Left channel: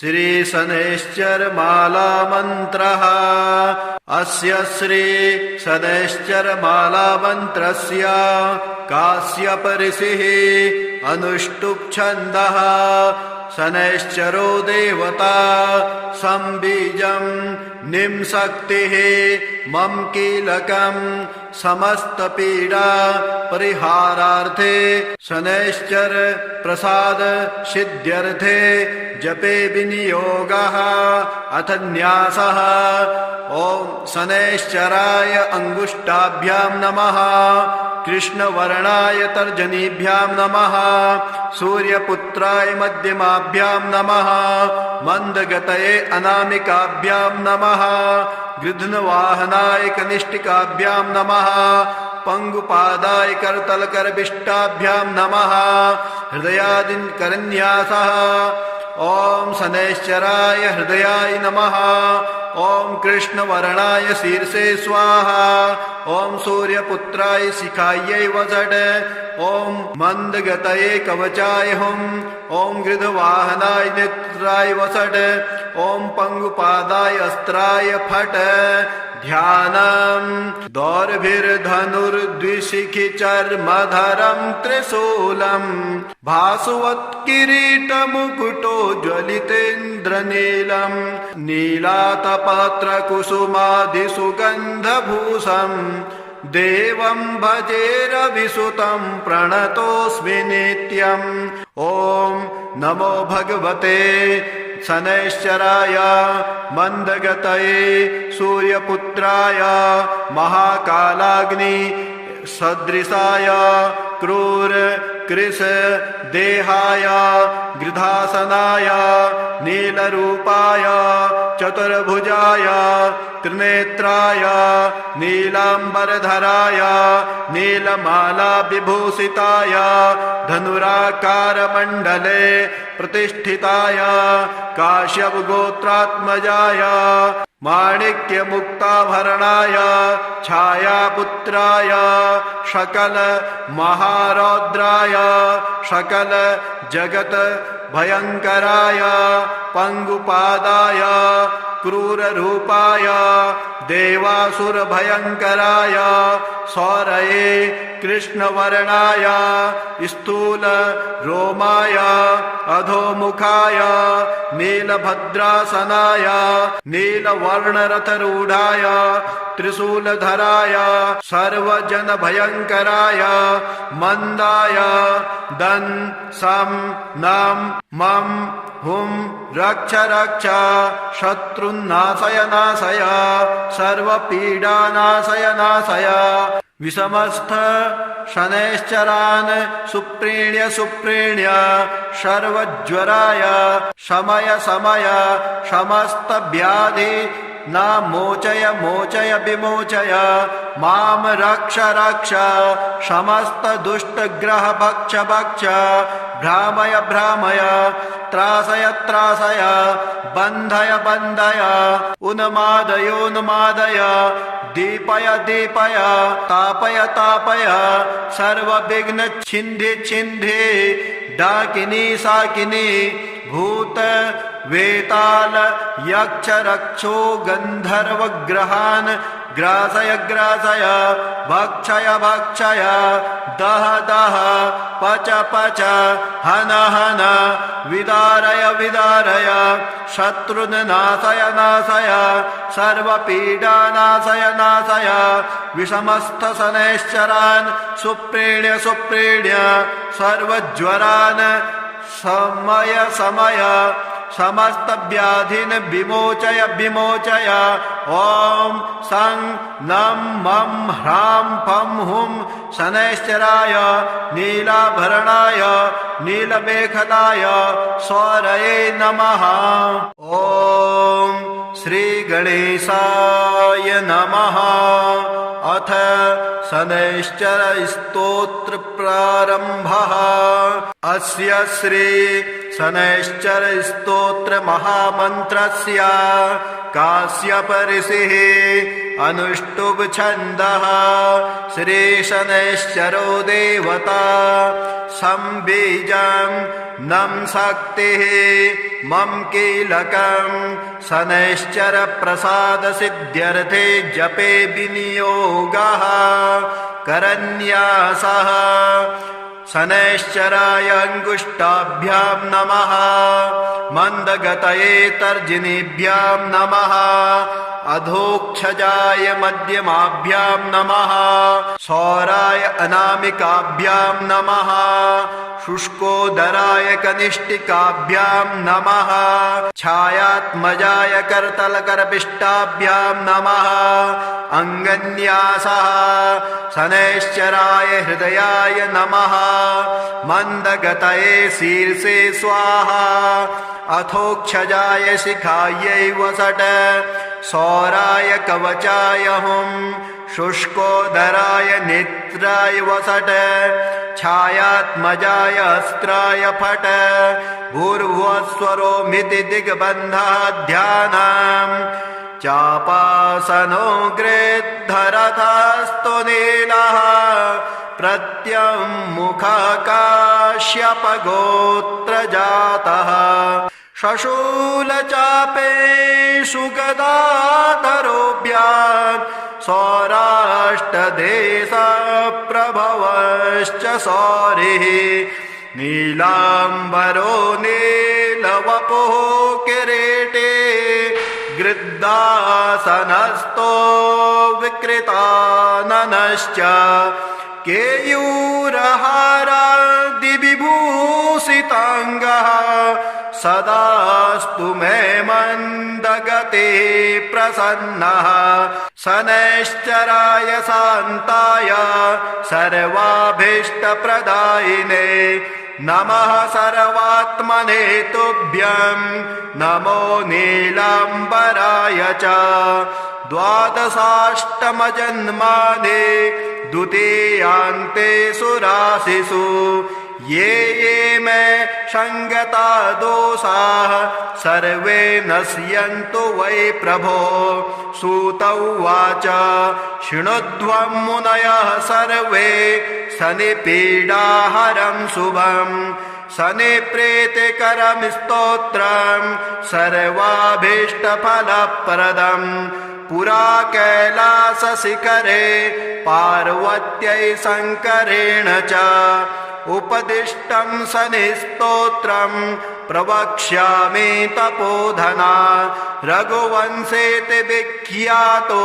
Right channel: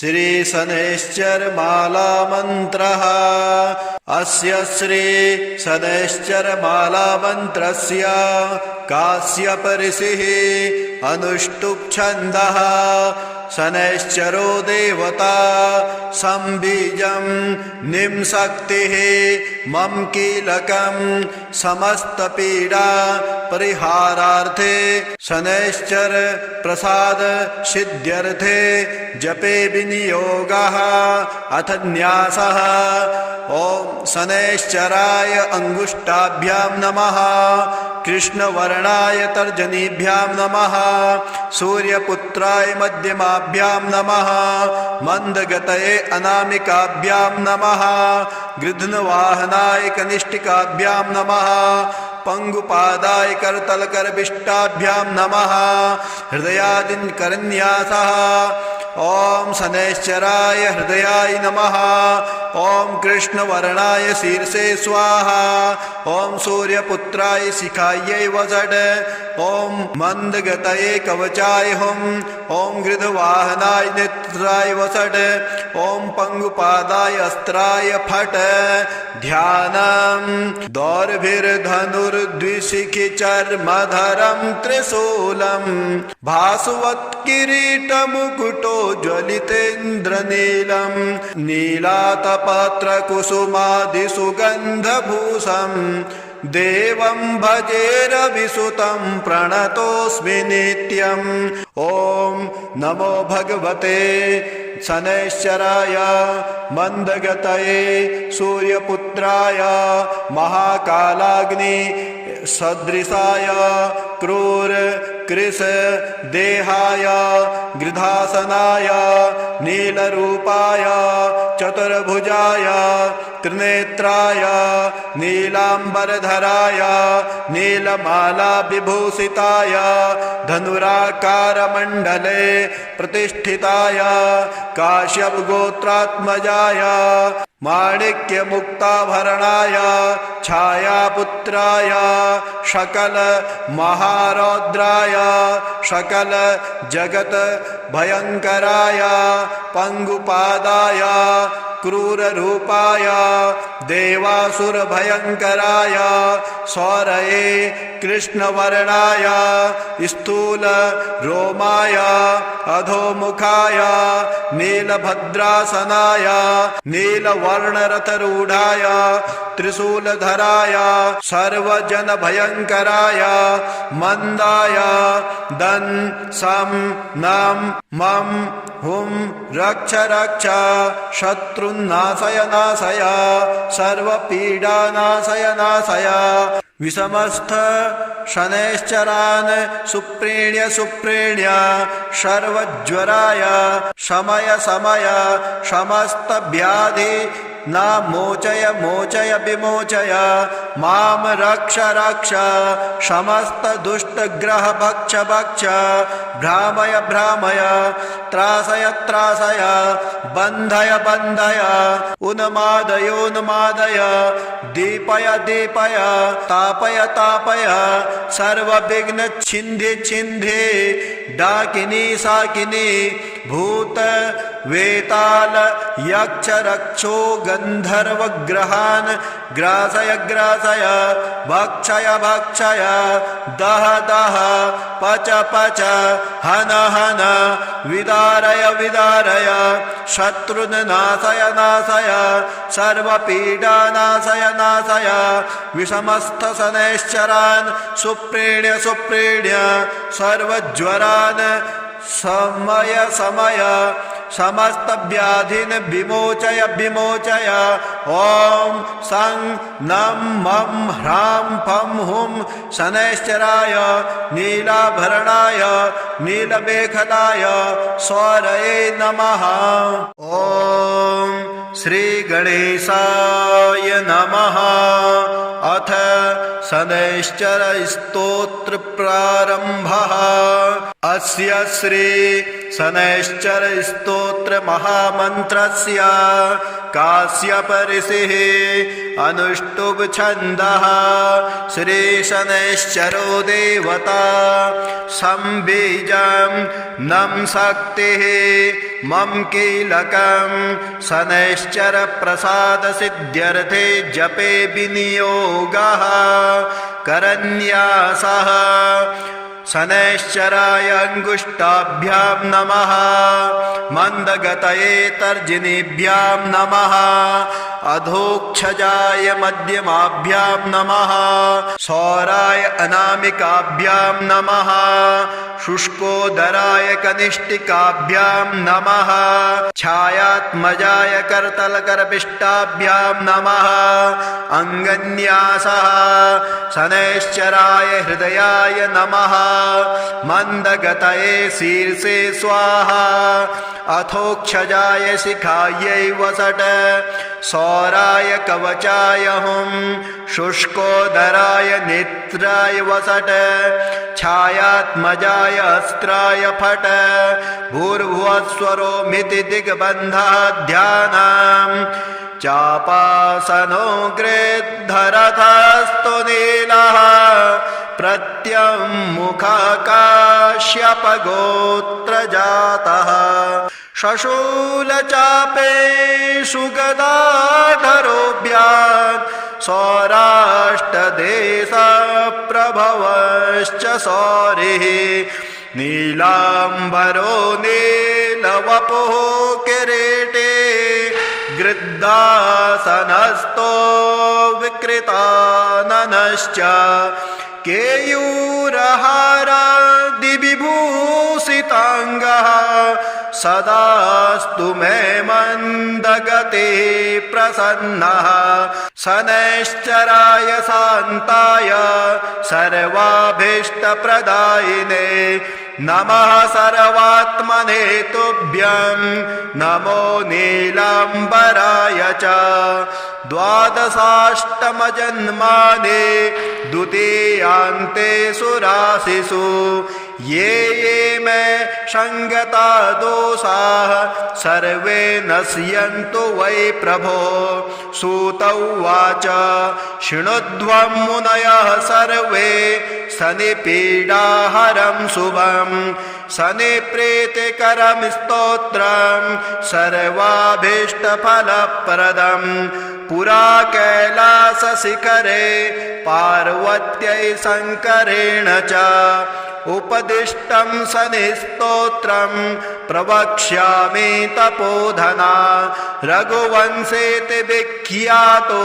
श्री शनैश्चर माला मंत्रः। अस्य श्री शनैश्चर माला मंत्रस्य काश्यप ऋषिः अनुष्टुप् छन्दः। शनैश्चरो देवता संबीजं निम्शक्तिः मम कीलकं समस्तपीडा परिहारार्थे शनैश्चर प्रसाद सिद्ध्यर्थे जपे विनियोगः अथ न्यासः। ओम शनैश्चराय अंगुष्ठाभ्यां नमः। कृष्णवर्णाय तर्जनीभ्यां नमः। सूर्यपुत्राय मध्यमाभ्यां नमः। मंदगतये अनामिकाभ्यां नमः। गृध्नवाहनाय कनिष्ठिकाभ्यां नमः। पंगुपादाय करतलकरविष्टाभ्यां नमः। हृदयादिन करन्यासः। ओम शनैश्चराय हृदयाय नमः। ओम कृष्णवर्णाय शीर्षे स्वाहा। ओम सूर्यपुत्राय शिखायै वषट्। ओम मंदगतये कवचाय हुम्। ओम गृध्रवाहनाय नेत्राय वषट्। ओम पंगुपादाय अस्त्राय फट्। ध्यानम् दौर्भिर्धनुर्द्विशिखिचर्मधरं त्रिशूलम् भासवत्किरीटमुकुटो ज्वलितेन्द्रनीलम् नीलातपत्रकुसुमादिसुगन्धभूषम् देवं भजेरविसुतं प्रणतोऽस्मि नित्यम्। ॐ नमो भगवते शनैश्चराय मंदगतये सूर्यपुत्राय महाकालाग्नि सदृशाय क्रूर कृश देहाय गृधासनाय नीलरूपाय चतुर्भुजाय त्रिनेत्राय नीलांबरधराय नीलमाला विभूषिताय धनुराकारमण्डले प्रतिष्ठिताय काश्यप गोत्रात्मजाय माणिक्यमुक्ताभरणाय छायापुत्राय सकल महारौद्राय सकल जगत भयंकराय पंगुपादाय क्रूररूपाय देवासुर भयंकराय सौरये कृष्णवर्णाय स्थूल रोमाय अधोमुखाय नीलभद्रासनाय नीलवर्णरथरूढ़ाय त्रिशूलधराय सर्वजन भयंकराय मंदाय दं सं नम मम हुम रक्ष रक्ष शत्रुन्नाशय नाशय सर्वपीडा नाशय नाशय। विषमस्थ शनैश्चरान् सुप्रीण्य सुप्रीण्य सर्वज्वराय शमय शमय समस्त व्याधि न मोचय मोचय विमोचय माम रक्ष रक्ष समस्त दुष्ट ग्रह भक्ष भक्ष भ्रामय भ्रामय त्रासय त्रासय बन्धय बन्धय उन्मादय उन्मादय दीपय दीपय तापय तापय सर्वविघ्न छिन्धि छिन्धि डाकिनी शाकिनी भूत वेताल यक्ष रक्षो गंधर्व ग्रहान् ग्रासय ग्रासय भक्षय भक्षय दह दह पच पच हन हन विदारय विदारय शत्रुन् नाशय नाशय सर्वपीडा नाशय नाशय। विषमस्थ शनैश्चरान् सुप्रीण्य सुप्रीण्य सर्वज्वरान् समय समय समस्त व्याधिन विमोचय विमोचय। ओम सं नम मम ह्रां फं हुं शनैश्चराय नीलाभरणाय नीलमेखलाय सौरये नमः। ओम श्री गणेशाय नमः। अथ शनैश्चर स्तोत्र प्रारंभः। अस्य श्री शनैश्चर स्तोत्र महामन्त्रस्य काश्यप ऋषिः अनुष्टुप् छन्दः। श्री शनैश्चरो देवता संबीजं नं शक्तिः मम कीलकं शनैश्चर प्रसाद सिद्ध्यर्थे जपे विनियोगः करन्यासः शनैश्चराय अंगुष्ठाभ्यां नमः मंदगतये तर्जनीभ्यां नमः अधोक्षजाय मध्यमाभ्यां नमः सौराय अनामिकाभ्यां नमः शुष्कोदराय कनिष्ठिकाभ्यां नमः छायात्मजाय करतलकरपिष्टाभ्यां नमः अंगन्यासः शनैश्चराय हृदयाय नमः मंदगतये शीर्षे स्वाहा अथोक्षजाय शिखायै वसट सौराय कवचाय हुं शुष्कोदराय नेत्राय वसट छायात्मजाय अस्त्राय फट भूर्भुवस्वरोमिति दिग्बन्धः ध्यानम् चापासनो गृद्धरथस्तु नीलः प्रत्यङ्मुखकाश्यपगोत्रजातः शशूलचापेषु गदाधरोऽभ्याम् सौराष्ट्रदेशप्रभवश्च सौरिः नीलाम्बरो नीलवपुः किरीटे गृद्धासनस्थो विकृताननश्च केयूरहारादिविभूषिताङ्गः सदास्तु मे मन्दगते प्रसन्नः शनैश्चराय शान्ताय सर्वाभीष्टप्रदायिने नमः सर्वात्मने तुभ्यं नमो नीलाम्बराय च द्वादशाष्टमजन्मानि द्वितीयान्ते सुराशिषु ये मे संगता दोषाः सर्वे नश्यन्तु वै प्रभो सूत उवाच शृणुध्वं मुनयः सर्वे शनिपीडाहरं शुभं शनिप्रीतिकरं स्तोत्रं सर्वाभीष्टफलप्रदं पुरा कैलासशिखरे पार्वत्यै शङ्करेण च उपदिष्टं शनिस्तोत्रं प्रवक्ष्यामि तपोधना रघुवंशेति विख्यातो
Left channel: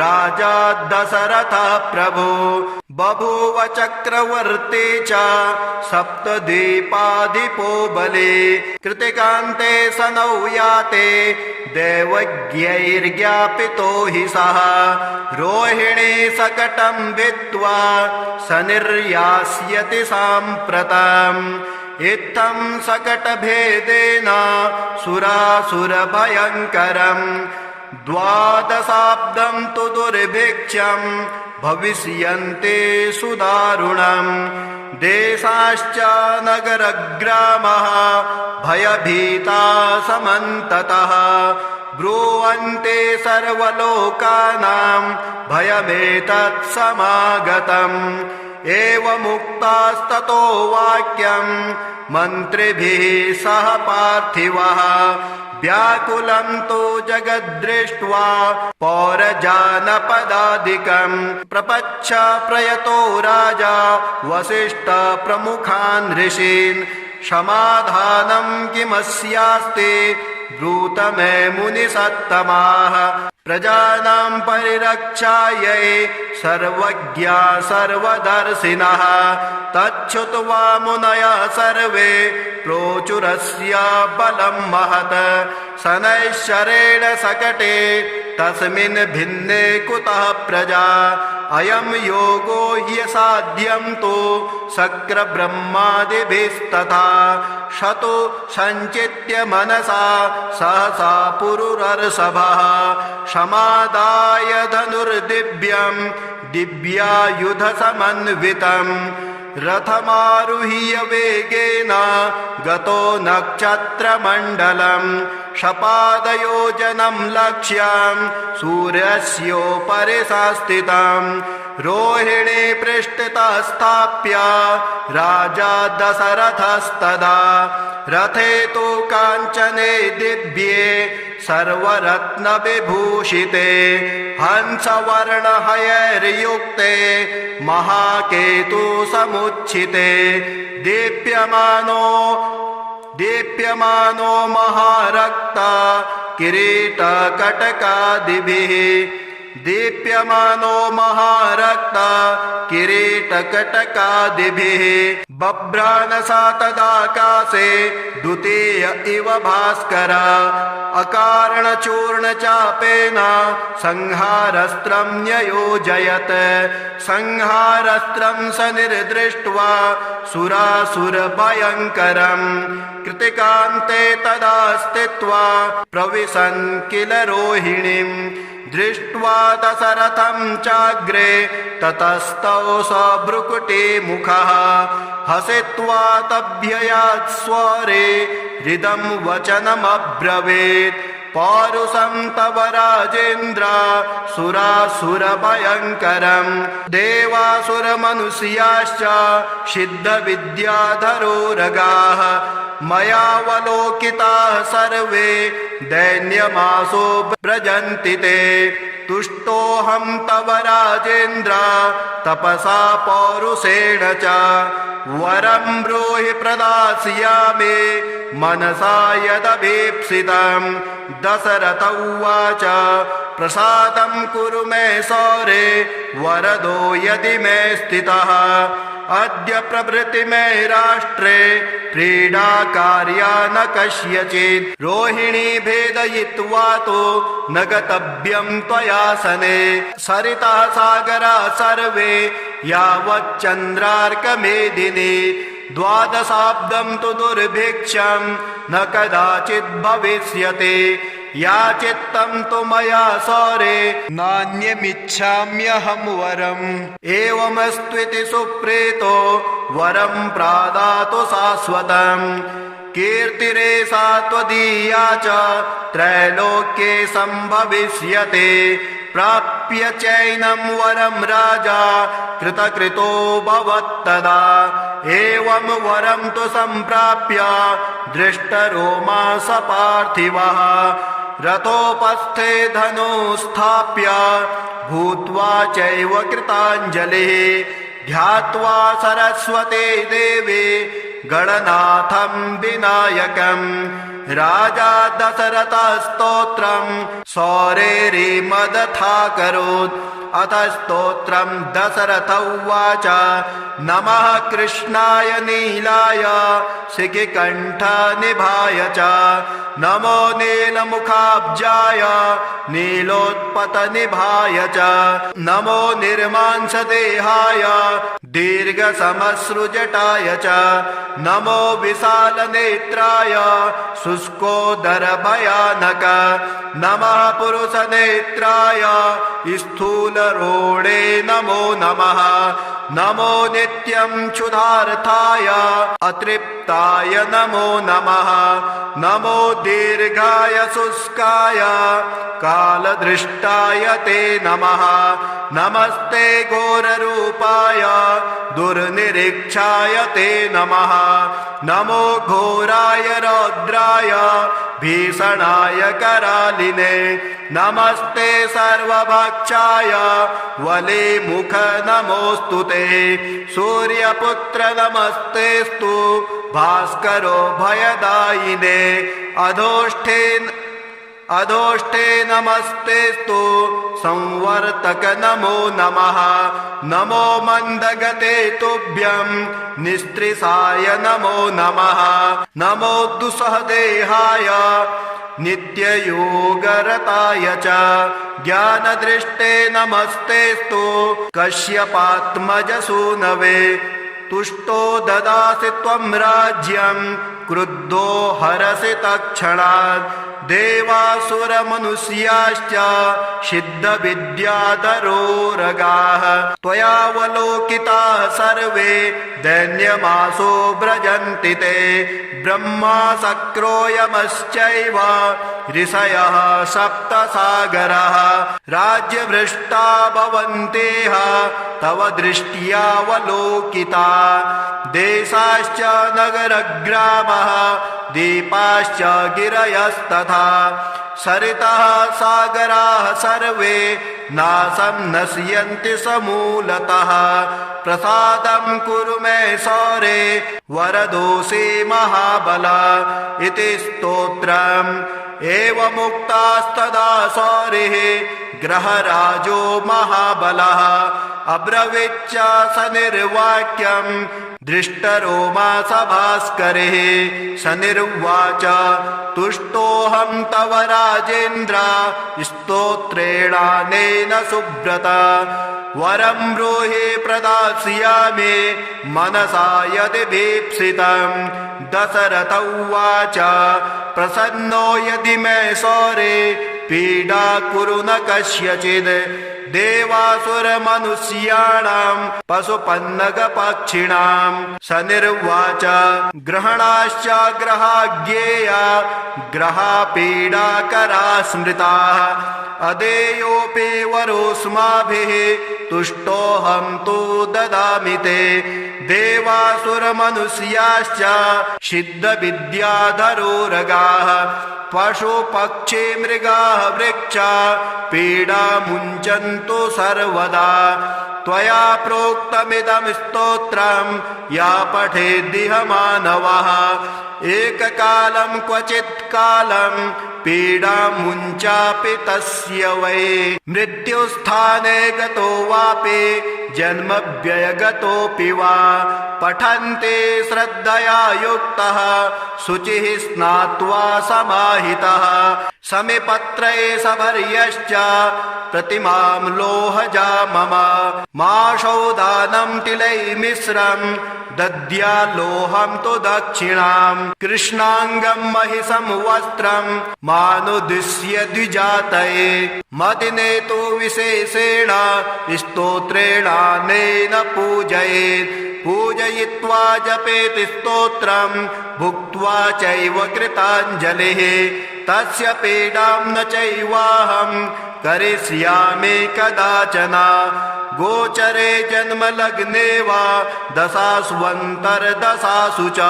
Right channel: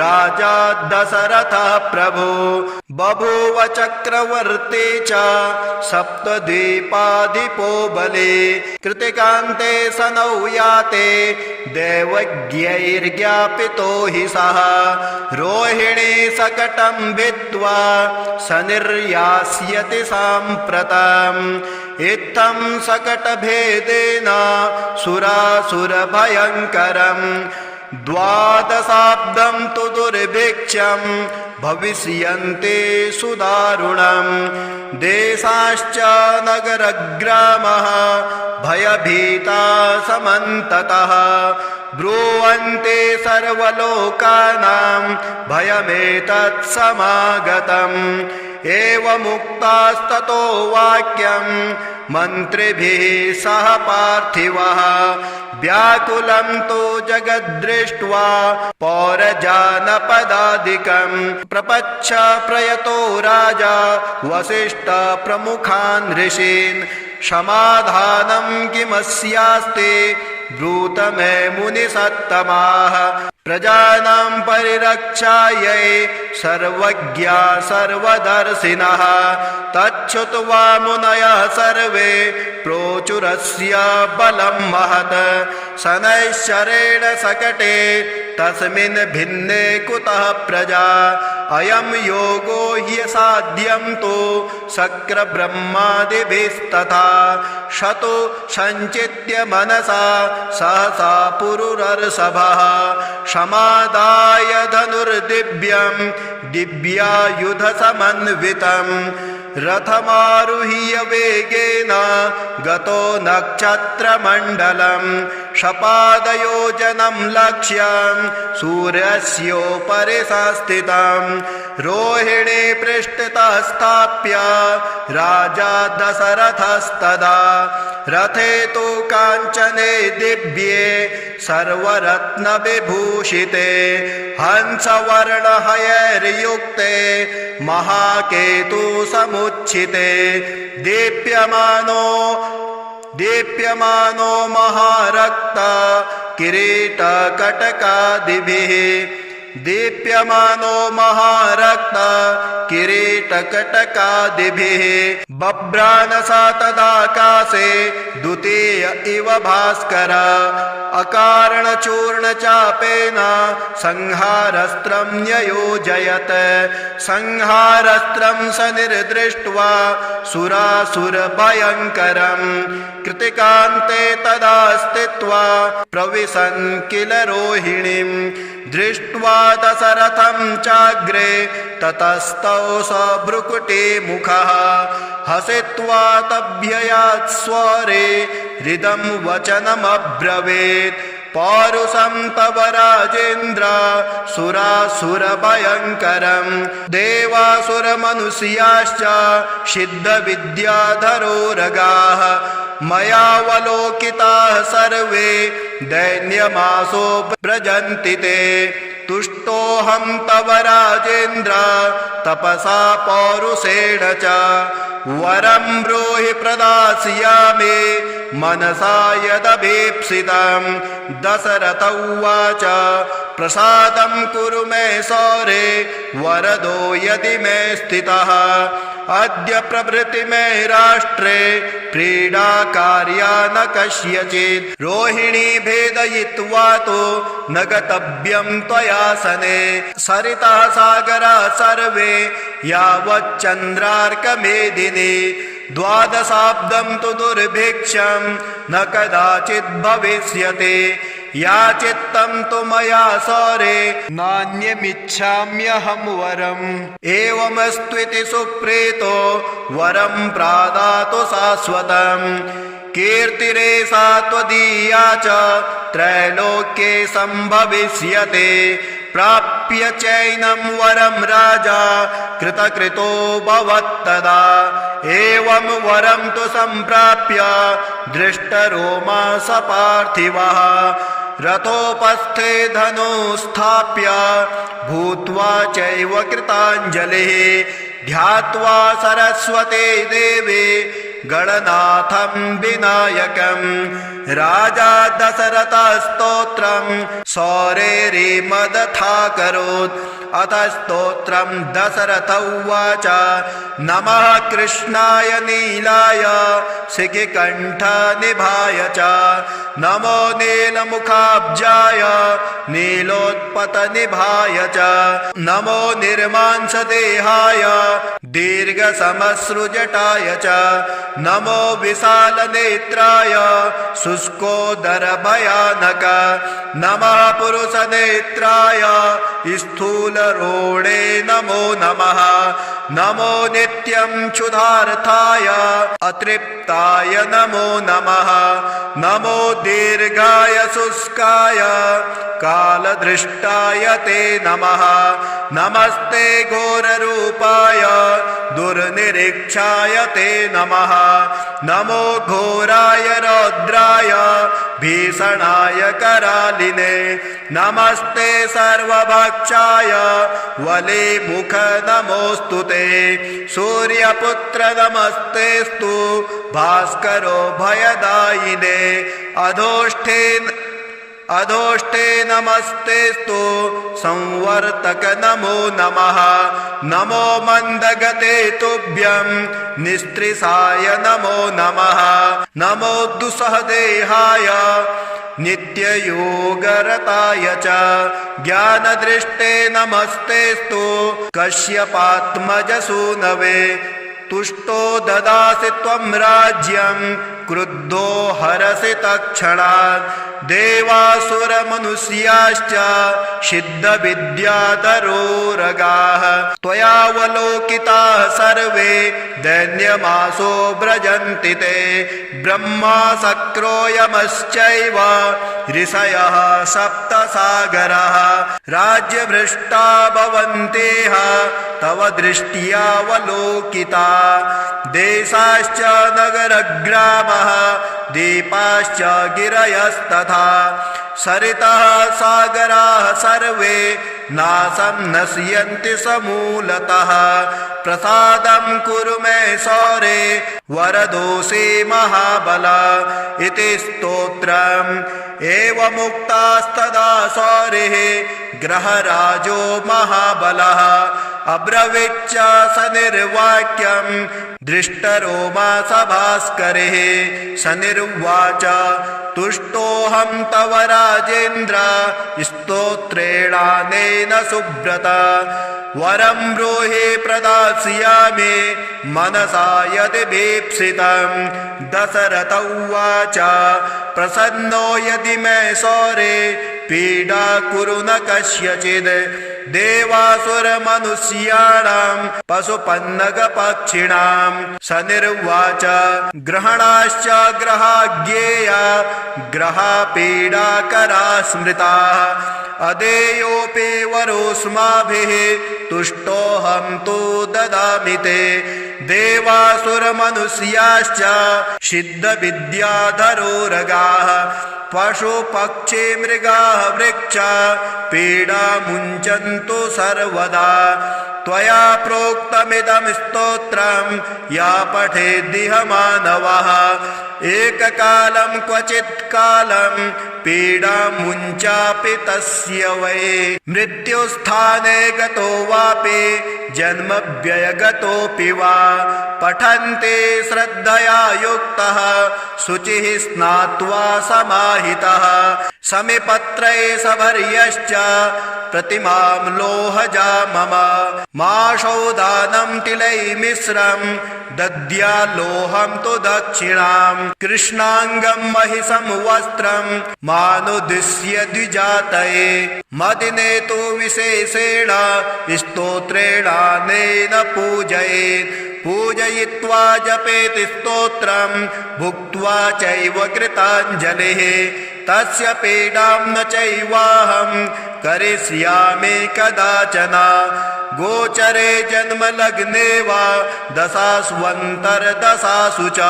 राजा दशरथः प्रभु बभूव चक्रवर्ती च सप्तद्वीपाधिपो बली कृतिकान्ते सनौ याते दैवज्ञैर्ज्ञापितो हि सः रोहिणी सकटं भित्त्वा शनिर्यास्यति साम्प्रतम् इत्थं सकटभेदेन सुरासुरभयङ्करम् द्वादशाब्दं तु दुर्भिक्षं भविष्यन्ते सुदारुणम् देशाश्च नगरग्रामः भयभीता समन्ततः ब्रुवन्ते सर्वलोकानां भयमेतत् समागतम् एवमुक्तास्ततो वाक्यं मन्त्रिभिः सह पार्थिवः व्याकुलं तु जगद्दृष्ट्वा पौरजानपदादिकम् प्रपच्छ प्रयतो राजा वसिष्ठ प्रमुखान् ऋषीन् समाधानं किमस्यास्ति ब्रूत मे मुनिसत्तमाः प्रजानां परिरक्षायै सर्वज्ञा सर्वदर्शिनः तच्छ्रुत्वा मुनयः सर्वे प्रोचुरस्य बलं महत् शनैश्चरेण सकटे तस्मिन् भिन्ने कुतः प्रजा अयं योगो ह्यसाध्यं तु शक्रब्रह्मादिभिस्तथा शतो सञ्चित्य मनसा सहसा पुरुरर्षभः समादाय धनुर्दिव्यं दिव्यायुधसमन्वितं रथमारुह्य वेगेन गतो नक्षत्रमण्डलं शपादयोजनं लक्ष्यं सूर्यस्योपरि संस्थितं रोहिणी पृष्ठतः स्थाप्य राजा दशरथस्तदा रथे तु काञ्चने दिव्ये सर्वरत्नविभूषिते हंसवर्णहयैर्युक्ते महाकेतु समुच्छिते दीप्यमानो महारक्ता किरीटकटकादिभिः दीप्यमानो महारक्ता किरीटकटकादिभिः बभ्रानसा तदाकाशे द्वितीय इव भास्कर अकारणचूर्णचापेन संहारस्त्रं न्ययोजयत् संहारस्त्रं स निर्दृष्ट्वा सुरासुरभयङ्करम् कृतिकान्ते तदा स्थित्वा प्रविशन् किल रोहिणीम् दृष्ट्वा दशरथं चाग्रे ततस्तौ स भ्रुकुटी मुखः हसित्वा तभ्ययात् स्वरे हृदं वचनमब्रवीत् पौरुषं तव राजेन्द्र सुरासुरभयङ्करम् देवासुरमनुष्याश्च सिद्धविद्याधरोरगाः मयावलोकिताः सर्वे दैन्यमासो व्रजन्ति ते तुष्टोऽहं तव राजेन्द्र तपसा पौरुषेण च वरं ब्रूहि प्रदास्यामि मनसा यदभीप्सितम् दशरथ उवाच प्रसादं कुरु मे सौरे वरदो यदि मे स्थितः अद्य प्रभृति मे राष्ट्रे क्रीडा कार्या न कस्यचित् रोहिणी भेदयित्वा तो न गतव्यं त्वयासने सरितः सागरा सर्वे यावच्चन्द्रार्कमेदिनी द्वादशाब्दं तु दुर्भिक्षं न कदाचित् भविष्यति याचित्तं तु मया सौरे नान्यमिच्छाम्यहं वरम् एवमस्त्विति सुप्रीतो वरं प्रादातु शाश्वतम् कीर्तिरेषा त्वदीया च त्रैलोक्ये सम्भविष्यते प्राप्य चैनं वरं राजा कृतकृतो भवत्तदा एवं वरं तु सम्प्राप्य दृष्टरोमा स पार्थिवः रथोपस्थे धनुस्थाप्य भूत्वा चैव कृताञ्जलिः ध्यात्वा सरस्वती देवी गणनाथं विनायकम् राजा दशरथस्तोत्रं सौरेरिमदथाकरोत् अथ स्तोत्रं दशरथ उवाच नमः कृष्णाय नीलाय शिखिकण्ठनिभाय च नमो नीलमुखाब्जाय नीलोत्पतनिभाय च नमो निर्मांसदेहाय दीर्घसमश्रुजटाय च नमो विशालनेत्राय शुष्कोदरभयानक नमः पुरुषनेत्राय स्थूलरोणे नमो नमः नमो नित्यं क्षुधार्थाय अतृप्ताय नमो नमः नमो दीर्घाय शुष्काय कालदृष्टाय ते नमः नमस्ते घोररूपाय दुर्निरीक्षाय ते नमः नमो घोराय रौद्राय भीषणाय करालिने नमस्ते सर्वभक्षाय वलिमुख नमोऽस्तु ते सूर्यपुत्र नमस्तेस्तु भास्करो भयदायिने अधोष्ठे नमस्तेस्तु संवर्तक नमो नमः नमो मन्दगते तुभ्यं निस्त्रिसाय नमो नमः नमो दुस्सहदेहाय नित्ययोगरताय च ज्ञानदृष्टे नमस्तेस्तु कश्यपात्मजसूनवे तुष्टो ददासि त्वं राज्यं क्रुद्धो हरसि तत्क्षणात् देवासुरमनुष्याश्च सिद्धविद्याधरोरगाः त्वयावलोकिताः सर्वे दैन्यमासो व्रजन्ति ते ब्रह्मा शक्रो यमश्चैव ऋषयः सप्तसागरः राज्यभ्रष्टा भवन्तेह तव दृष्ट्यावलोकिता देशाश्च नगरग्रामः दीपाश्च गिरयस्तथा सरितः सागराः सर्वे नाशं नश्यन्ति समूलतः प्रसादं कुरु मे सौरे वरदोषे महाबल इति स्तोत्रम् एवमुक्तास्तदा सौरिः ग्रहराजो महाबलः अब्रवीच्च स निर्वाक्यं दृष्टरोमा सभास्करिः स निर्वाच तुष्टोऽहं तव राजेन्द्र स्तोत्रेणानेन सुब्रत वरं ब्रूहि प्रदास्यामि मनसा यदि भीप्सितं दशरथ उवाच प्रसन्नो यदि मे सौरे पीडा कुरु न कस्यचिद् देवासुरमनुष्याणां पशुपन्नगपक्षिणां स निर्वाच ग्रहणाश्च ग्रहाज्ञेया ग्रहापीडाकरा स्मृताः अदेयोऽपि वरोऽस्माभिः तुष्टोऽहं तु ददामि ते देवासुरमनुष्याश्च सिद्धविद्याधरोरगाः पशुपक्षी मृगाः वृक्षा पीडा मुञ्चन्तु सर्वदा त्वया प्रोक्तमिदं स्तोत्रं या पठेद्दिह मानवः एककालं क्वचित् कालं पीडा मुञ्चापि तस्य वै मृत्युस्थाने गतो वापि जन्मव्ययगतोऽपि वा पठन्ते श्रद्धया युक्तः शुचिः स्नात्वा समाहितः समिपत्रे सभर्यश्च प्रतिमां लोहजा मम माशौदानं तिलैर्मिश्रं दद्याल्लोहं तु दक्षिणां कृष्णाङ्गं महिषं वस्त्रं मानुदिश्य द्विजातये मदिने तु विशेषेण स्तोत्रेणानेन पूजयेत् पूजयित्वा जपेत् स्तोत्रं भुक्त्वा चैव कृताञ्जलिः तस्य पीडां न चैवाहं करिष्यामि कदाचन गोचरे जन्मलग्ने वा दशास्वन्तर्दशासु च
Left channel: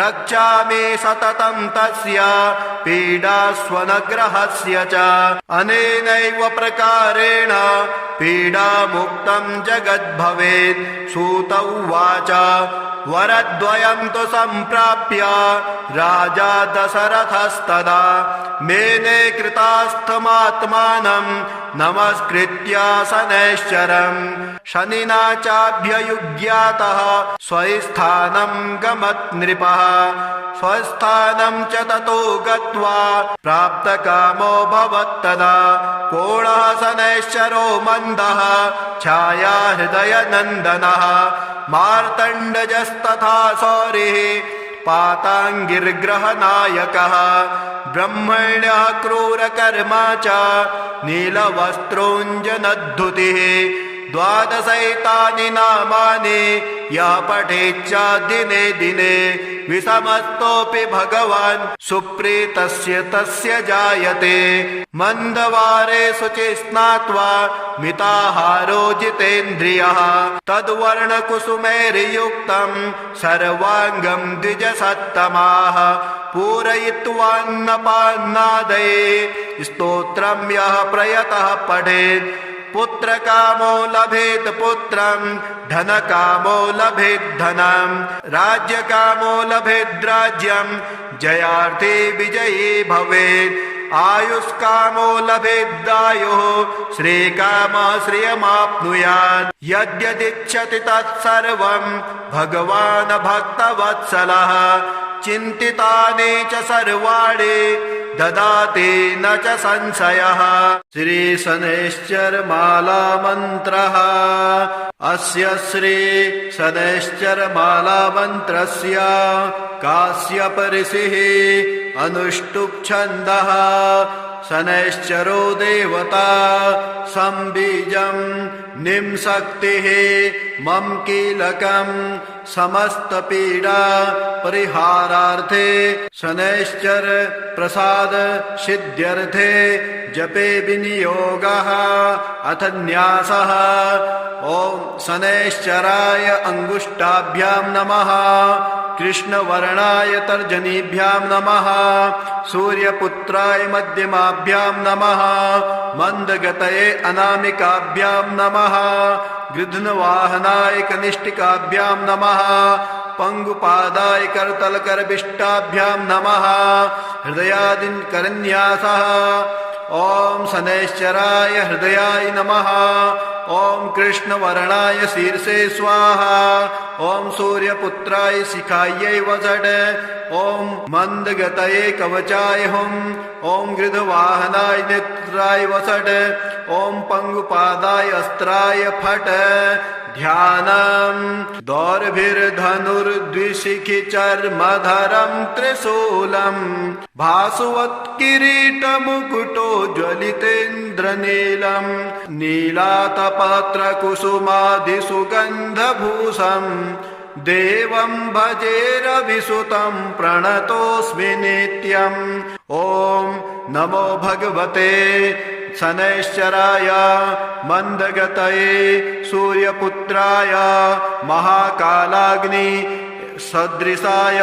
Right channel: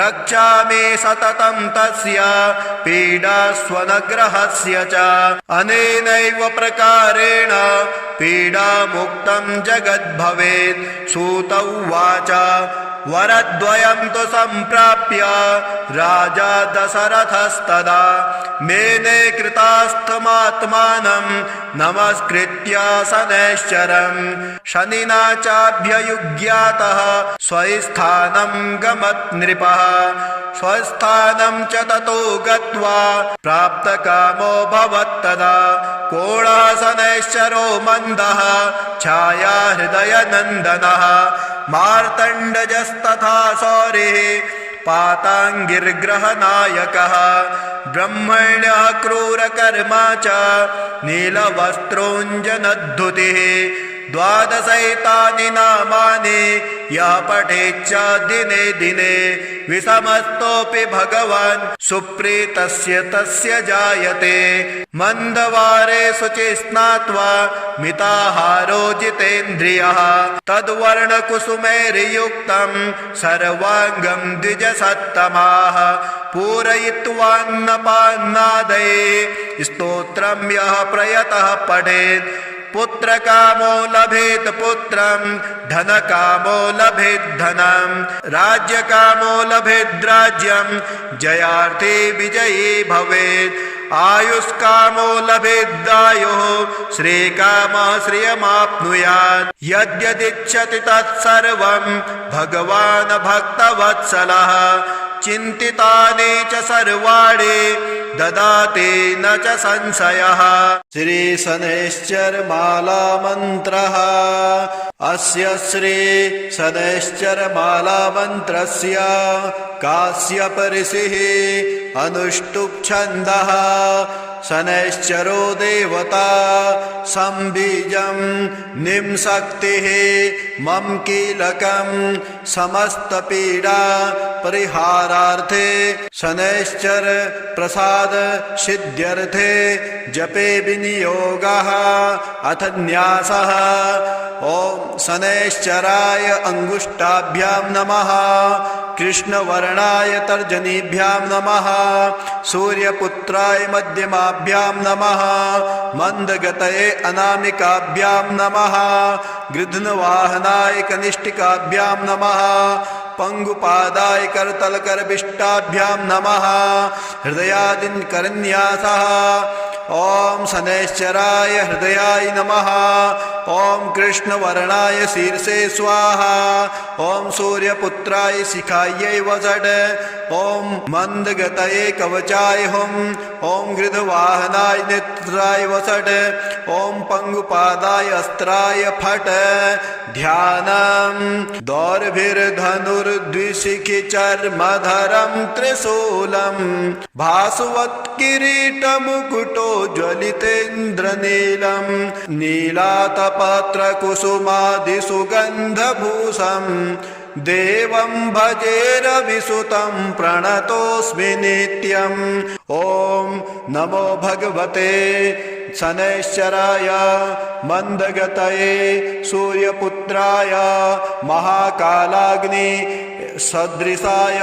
रक्षामि सततं तस्य पीडास्वनग्रहस्य च अनेनैव प्रकारेण पीडामुक्तं जगद्भवेत् सूत उवाच वरद्वयं तु सम्प्राप्य राजा दशरथस्तदा मेने कृतास्थमात्मानं नमस्कृत्य शनैश्चरं शनिना चाभ्ययुज्ञातः स्वस्थानं गमत् नृपः स्वस्थानं च ततो गत्वा प्राप्तकामो भवत्तदा कोणः शनैश्चरो मन्दः छाया हृदयनन्दनः मार्तण्डजस्तथा सौरिः पाताङ्गिर्ग्रहनायकः ब्रह्मण्यः क्रूरकर्मा च नीलवस्त्रोञ्जनद्धुतिः द्वादशैतानि नामानि यः पठेच्च दिने दिने विषमस्तोऽपि भगवान् सुप्रीतस्य तस्य जायते मन्दवारे शुचि स्नात्वा मिताहारो जितेन्द्रियः तद्वर्णकुसुमैर्युक्तं सर्वाङ्गं द्विजसत्तमाः पूरयित्वान्नपान्नादये स्तोत्रं यः प्रयतः पठेत् पुत्रकामो लभेत् पुत्रं धनकामो लभेत् धनं राज्यकामो लभेत् राज्यं जयार्थे विजयी भवेत् आयुष्कामो लभेदायुः श्रीकामः श्रियमाप्नुयात् यद्यदिच्छति तत्सर्वं भगवान् भक्तवत्सलः चिन्तितानि च सर्वाणि ददाति न च संशयः श्रीशनैश्चरमाला मन्त्रः अस्य श्री शनैश्चरमाला मन्त्रस्य काश्यप ऋषिः अनुष्टुप् छन्दः शनैश्चरो देवता संबीजं निम्शक्तिः मम कीलकं समस्तपीडा परिहारार्थे शनैश्चर प्रसाद सिद्ध्यर्थे जपे विनियोगः अथ न्यासः। ॐ शनैश्चराय अंगुष्ठाभ्यां नमः, कृष्णवर्णाय तर्जनीभ्यां नमः, सूर्यपुत्राय मध्यमाभ्यां नमः, मंदगतये अनामिकाभ्यां नमः, गृध्नवाहनाय कनिष्ठिकाभ्यां नमः, पंगुपादाय करतलकरविष्टाभ्यां नमः, हृदयादिन करन्यासः। ॐ शनैश्चराय हृदयाय नमः, ॐ कृष्णवर्णाय शीर्षे स्वाहा, ॐ सूर्यपुत्राय शिखायै वषट्, ॐ मंदगतये कवचाय हुम्, ॐ गृध्रवाहनाय नेत्राय वषट्, ॐ पंगुपादाय अस्त्राय फट्। ध्यानम् दौर्भिर्धनुर्द्विशिखिचर्मधरं त्रिशूलम् भासवत्किरीटमुकुटो ज्वलितेन्द्रनीलम् नीलातपत्रकुसुमादिसुगन्धभूषम् देवं भजे रविसुतं प्रणतोऽस्मि नित्यम्। ॐ नमो भगवते शनैश्चराय मंदगतये सूर्यपुत्राय महाकालाग्नि सदृशाय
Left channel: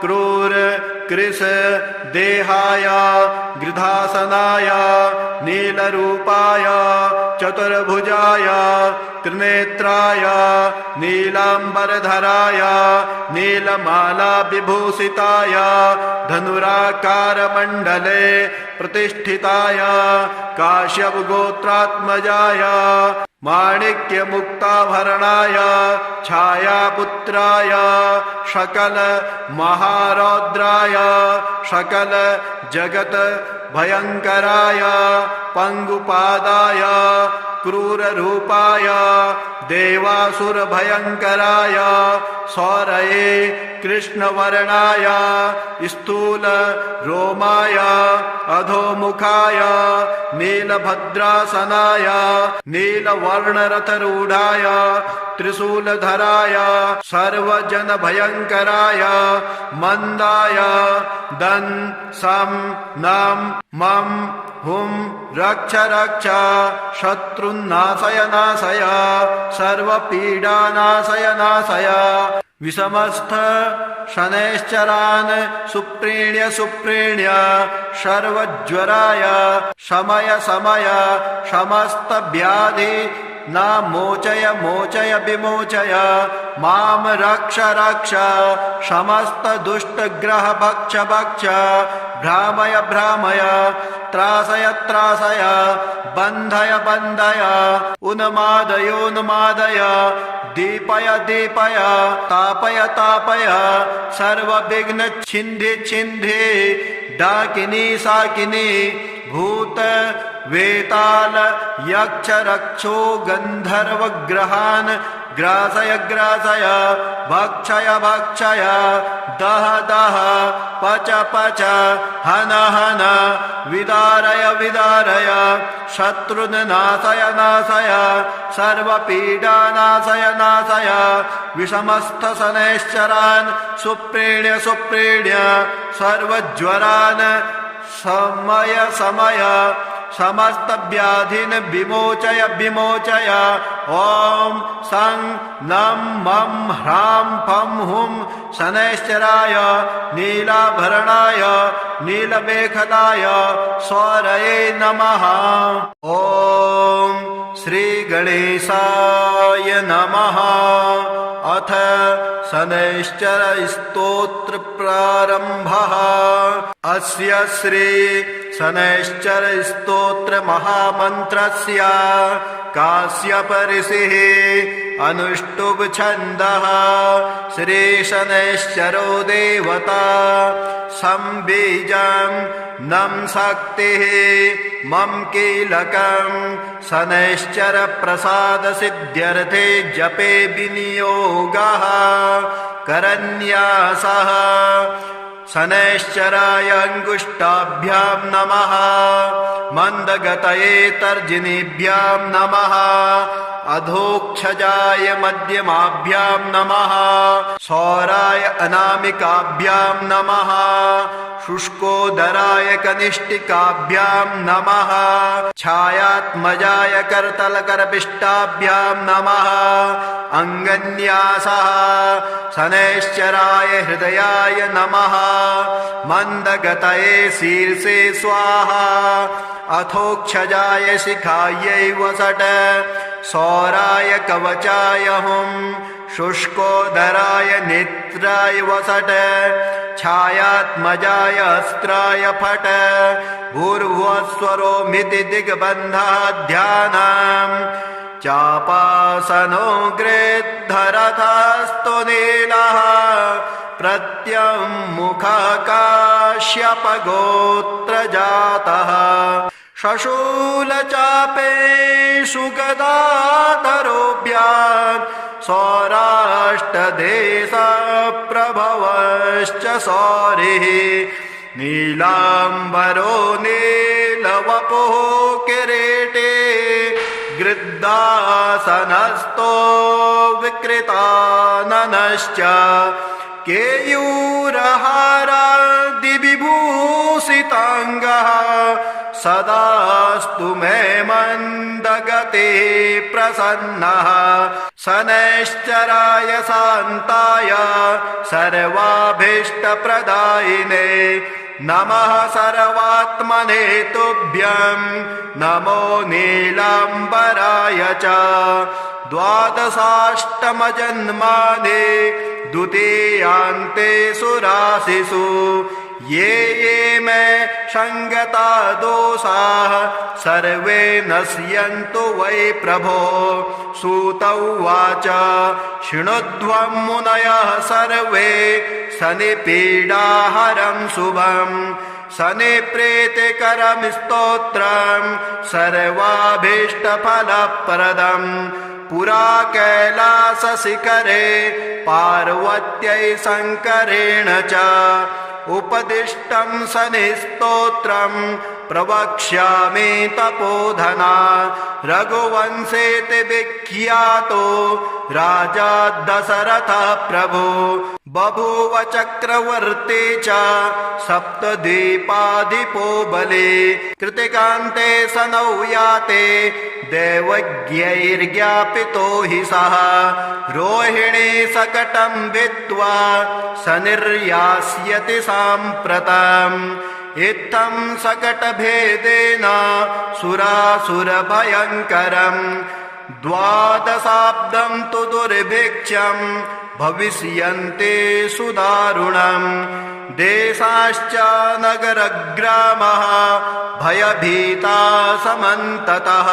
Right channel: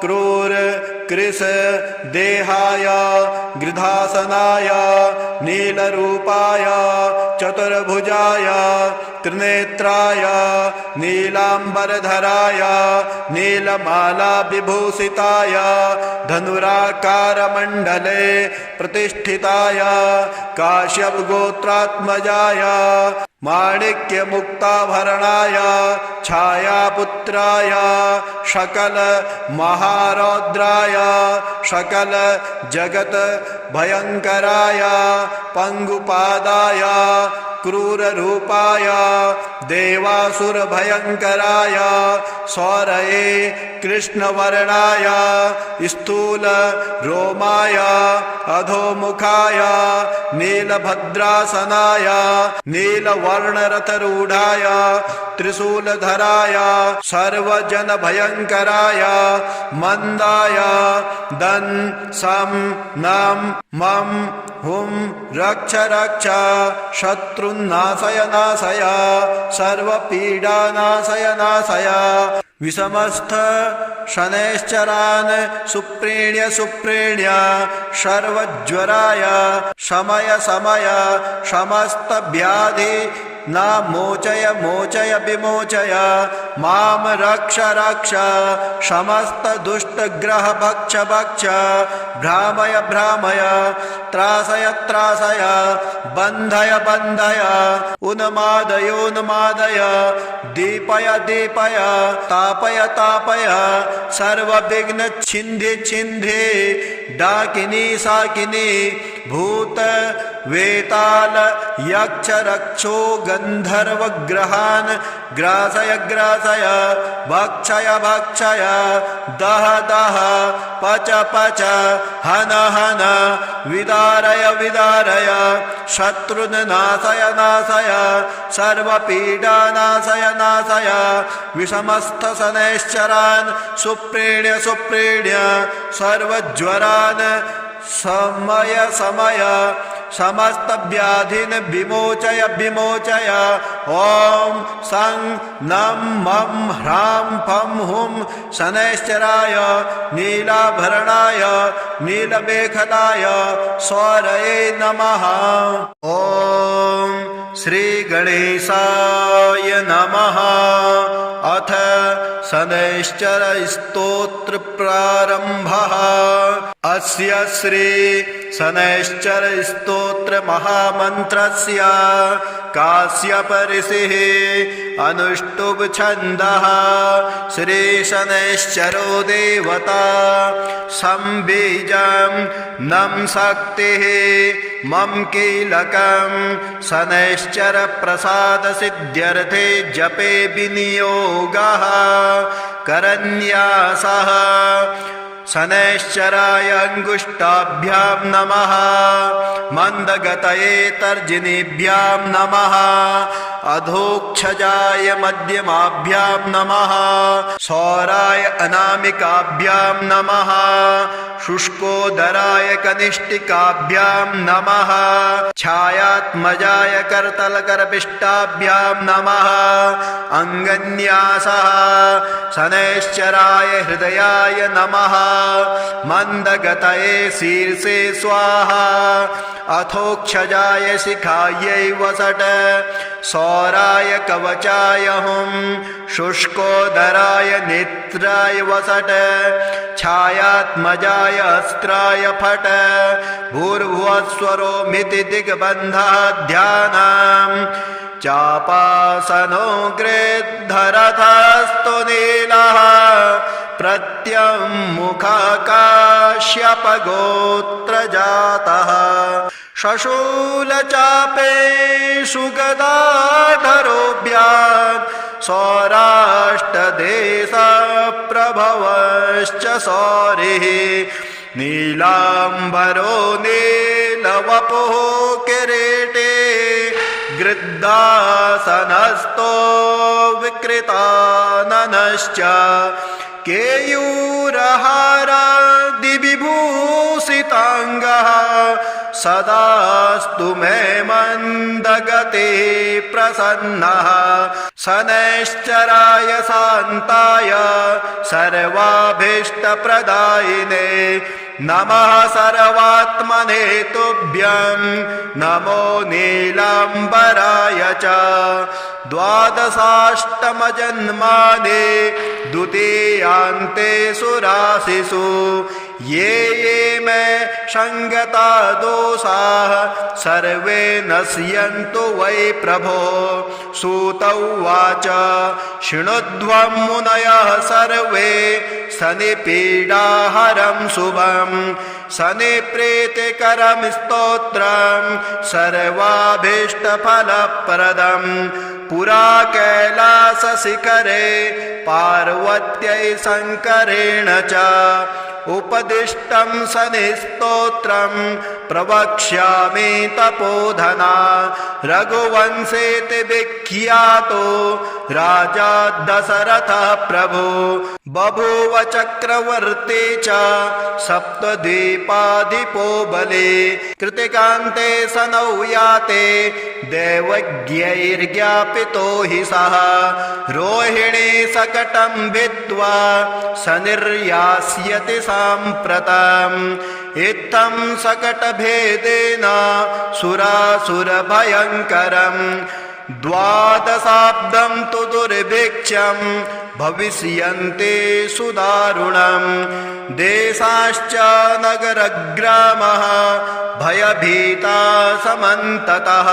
क्रूर कृश देहाय गृधासनाय नीलरूपाय चतुर्भुजाय त्रिनेत्राय नीलांबरधराय नीलमाला विभूषिताय धनुराकारमण्डले प्रतिष्ठिताय काश्यप गोत्रात्मजाय माणिक्यमुक्ताभरणाय छायापुत्राय सकल महारौद्राय सकल जगत भयंकराय पंगुपादाय क्रूररूपाय देवासुर भयंकराय सौरये कृष्णवर्णाय स्थूल रोमाय अधोमुखाय नीलभद्रासनाय नीलवर्णरथरूढ़ाय त्रिशूलधराय सर्वजन भयंकराय मंदाय दन् सं नम मम हुम रक्ष रक्ष शत्रुन्नाशय नाशय सर्वपीडा नाशय नाशय। विषमस्थ शनैश्चरान् सुप्रीण्य सुप्रीण्य सर्वज्वराय शमय शमय समस्त व्याधि न मोचय मोचय विमोचय माम रक्ष रक्ष समस्त दुष्ट ग्रह भक्ष भक्ष भ्रामय भ्रामय त्रासय त्रासय बन्धय बन्धय उन्मादय उन्मादय दीपय दीपय तापय तापय सर्वविघ्न छिन्धि छिन्धि डाकिनी साकिनी भूत वेताल यक्ष रक्षो गंधर्व ग्रहान् ग्रासय ग्रासय भक्षय भक्षय दह दह पच पच हन हन विदारय विदारय शत्रुन् नाशय नाशय सर्वपीडा नाशय नाशय। विषमस्थ शनैश्चरान् सुप्रीण्य सुप्रीण्य सर्वज्वरान् समय समय समस्त व्याधिन विमोचय विमोचय। ओम सं नम मम ह्रां फं हुं शनैश्चराय नीलाभरणाय नीलमेखलाय सौरये नमः। ओम श्री गणेशाय नमः। अथ शनैश्चर स्तोत्र प्रारंभः। अस्य श्री शनैश्चर स्तोत्र महामन्त्रस्य काश्यप ऋषिः अनुष्टुप् छन्दः। श्री शनैश्चरो देवता संबीजं नम शक्तिः मम कीलकं शनैश्चर प्रसाद सिद्ध्यर्थे जपे विनियोगः करन्यासः। शनैश्चराय अङ्गुष्ठाभ्यां नमः मन्दगतये तर्जनीभ्यां नमः अधोक्षजाय मध्यमाभ्यां नमः सौराय अनामिकाभ्यां नमः शुष्कोदराय कनिष्ठिकाभ्यां नमः छायात्मजाय करतलकरपिष्टाभ्यां नमः अङ्गन्यासः शनैश्चराय हृदयाय नमः मन्दगतये शीर्षे स्वाहा अथोक्षजाय शिखायै वसट सौराय कवचाय हुं शुष्कोदराय नेत्राय वसट छायात्मजाय अस्त्राय फट भूर्भुवस्वरोमिति दिग्बन्धः ध्यानम् चापासनो गृद्धरथस्तु नीलः प्रत्यङ्मुखकाश्यपगोत्रजातः शशूलचापेषु गदाधरोऽभ्यां सौराष्ट्रदेशप्रभवश्च सौरिः नीलाम्बरो नीलवपुः किरीटे गृद्धासनस्थो विकृताननश्च केयूरहारादिविभूषिताङ्गः सदास्तु मे मन्दगते प्रसन्नः शनैश्चराय शान्ताय सर्वाभीष्टप्रदायिने नमः सर्वात्मने तुभ्यं नमो नीलाम्बराय च द्वादशाष्टमजन्मानि द्वितीयान्तेषु राशिषु ये ये मे संगता दोषाः सर्वे नश्यन्तु वै प्रभो सूत उवाच शृणुध्वं मुनयः सर्वे शनिपीडाहरं शुभं शनिप्रीतिकरं स्तोत्रं सर्वाभीष्टफलप्रदम् पुरा कैलासशिखरे पार्वत्यै शङ्करेण च उपदिष्टं शनिस्तोत्रं प्रवक्ष्यामि तपोधना रघुवंशेति विख्यातो राजा दशरथः प्रभु बभूव चक्रवर्ती च सप्तद्वीपाधिपो बली कृतिकान्ते शनौ याते दैवज्ञैर्ज्ञापितो हि सः रोहिणी शकटं भित्त्वा शनिर्यास्यति साम्प्रतम् इत्थं शकटभेदेन सुरासुरभयङ्करम् द्वादशाब्दं तु दुर्भिक्षं भविष्यन्ते सुदारुणम् देशाश्च नगरग्रामः भयभीता समन्ततः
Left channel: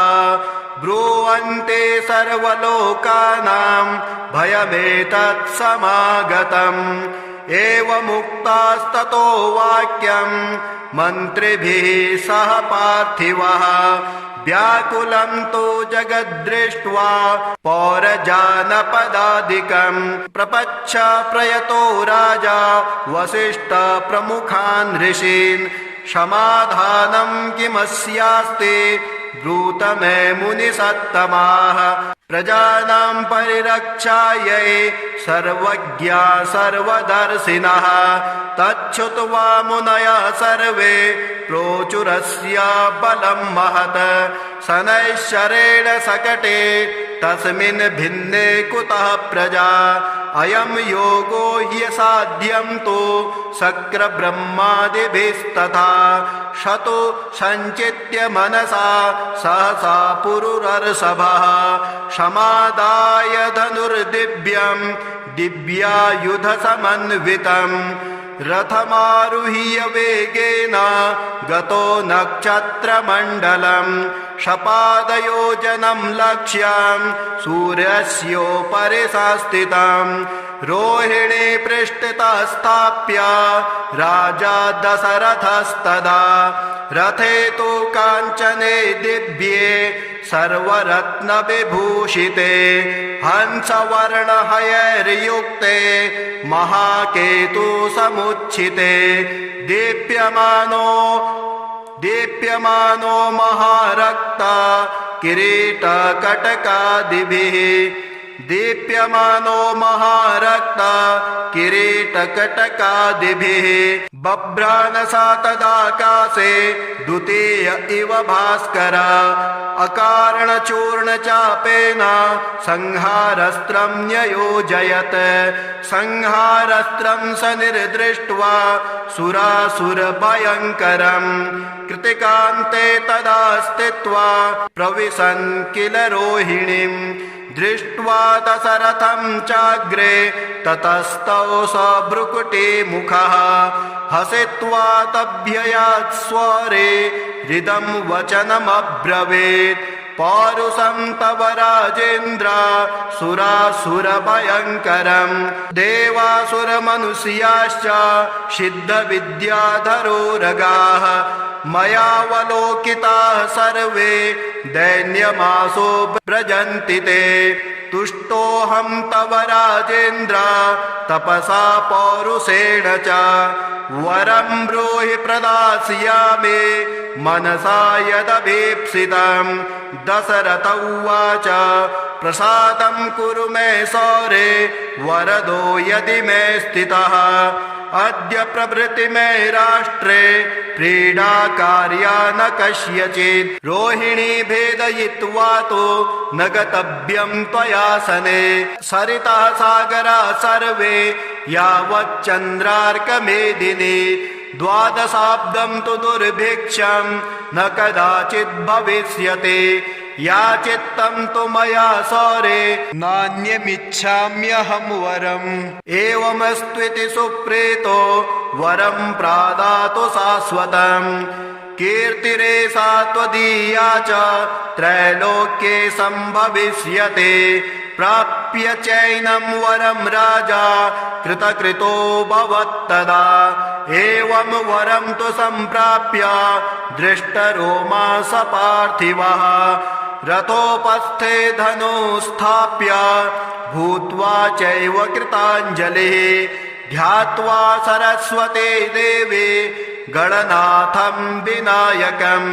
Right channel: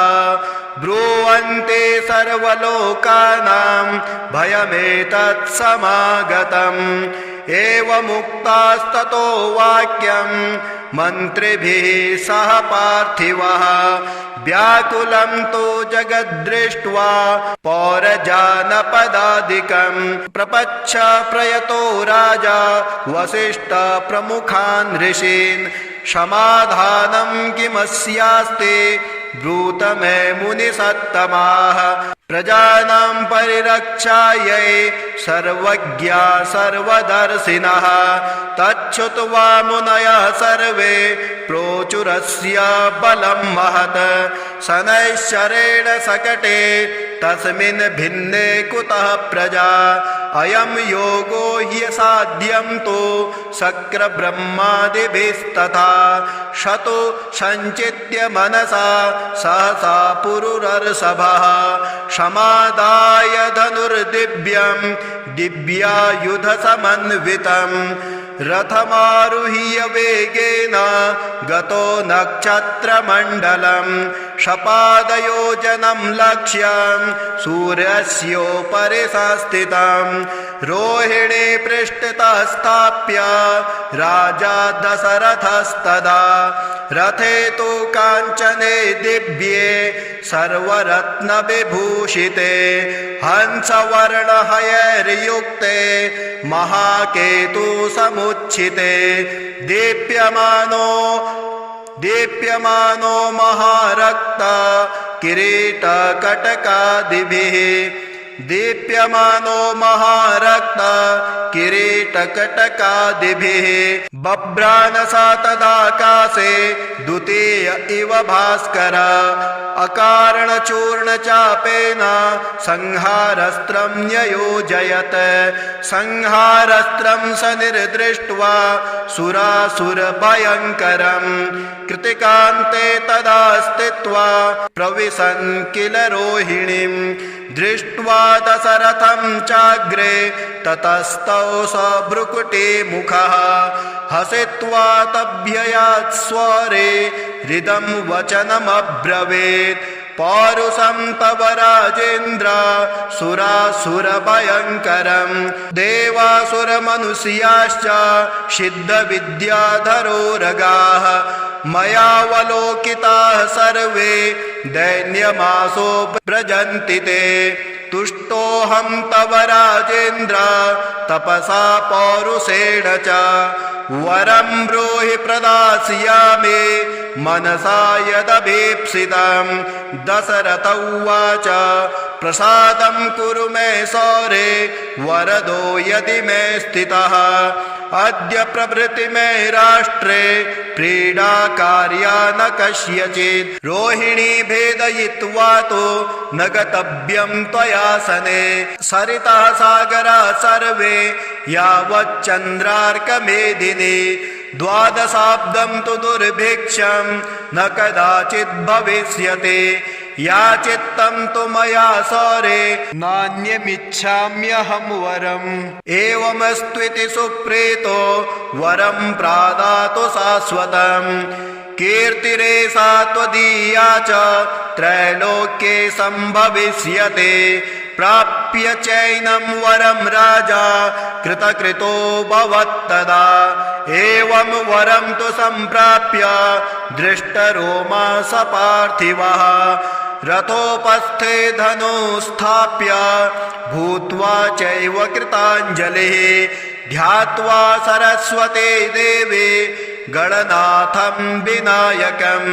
ब्रुवन्ते सर्वलोकानां भयमेतत् समागतम् एवमुक्तास्ततो वाक्यं मन्त्रिभिः सह पार्थिवः व्याकुलं तु जगद्दृष्ट्वा पौरजानपदादिकं प्रपच्छ प्रयतो राजा वसिष्ठ प्रमुखान् ऋषीन् समाधानं किमस्यास्ते ब्रूत मे मुनिसत्तमाः प्रजानां परिरक्षायै सर्वज्ञा सर्वदर्शिनः तच्छ्रुत्वा मुनयः सर्वे प्रोचुरस्य बलं महत् शनैश्चरेण शकटे तस्मिन् भिन्ने कुतः प्रजा अयं योगो ह्यसाध्यं तु शक्रब्रह्मादिभिस्तथा शतो सञ्चित्य मनसा सहसा पुरुरर्षभः समादाय धनुर्दिव्यं दिव्यायुधसमन्वितं रथमारुह्य वेगेन गतो नक्षत्रमण्डलं शपादयोजनं लक्ष्यं सूर्यस्योपरि संस्थितं रोहिणी पृष्ठतः स्थाप्य राजा दशरथस्तदा रथे तु काञ्चने दिव्ये सर्वरत्नविभूषिते हंसवर्णहयैर्युक्ते महाकेतु समुच्छिते दीप्यमानो महारक्ता किरीटकटकादिभिः दीप्यमानो महारक्ता किरीटकटकादिभिः बभ्रानसा तदाकाशे द्वितीय इव भास्कर अकारणचूर्णचापेन संहारस्त्रं न्ययोजयत् संहारस्त्रं स निर्दृष्ट्वा सुरासुरभयङ्करं कृतिकान्ते तदा स्थित्वा प्रविशन् किल रोहिणीं दृष्ट्वा दशरथं चाग्रे ततस्तौ स भ्रुकुटीमुखः हसित्वा तभ्ययात् स्वरे हृदं वचनमब्रवीत् पौरुषं तव राजेन्द्र सुरासुरभयङ्करं देवासुरमनुष्याश्च सिद्धविद्याधरोरगाः मयावलोकिताः सर्वे दैन्यमासो व्रजन्ति ते तुष्टोऽहं तव राजेन्द्र तपसा पौरुषेण च वरं ब्रूहि प्रदास्यामि मनसा यदभीप्सितं दशरथ उवाच प्रसादं कुरु मे सौरे वरदो यदि मे स्थितः अद्य प्रभृति मे राष्ट्रे प्रीडा कार्या न कस्यचित् रोहिणी भेदयित्वा तो न गतव्यं त्वया सने सरितः सागरा सर्वे यावच्चन्द्रार्कमेदिनी द्वादशाब्दं तु दुर्भिक्षं न कदाचित् भविष्यति याचित्तं तु मया सौरे नान्यमिच्छाम्यहं वरम् एवमस्त्विति सुप्रीतो वरं प्रादातु शाश्वतम् कीर्तिरेषा त्वदीया च त्रैलोक्ये सम्भविष्यते प्राप्य चैनं वरं राजा कृतकृतो भवत्तदा एवं वरं तु सम्प्राप्य दृष्टरोमा स पार्थिवः रथोपस्थे धनुस्थाप्य भूत्वा चैव कृताञ्जलिः ध्यात्वा सरस्वते देवे गणनाथं विनायकं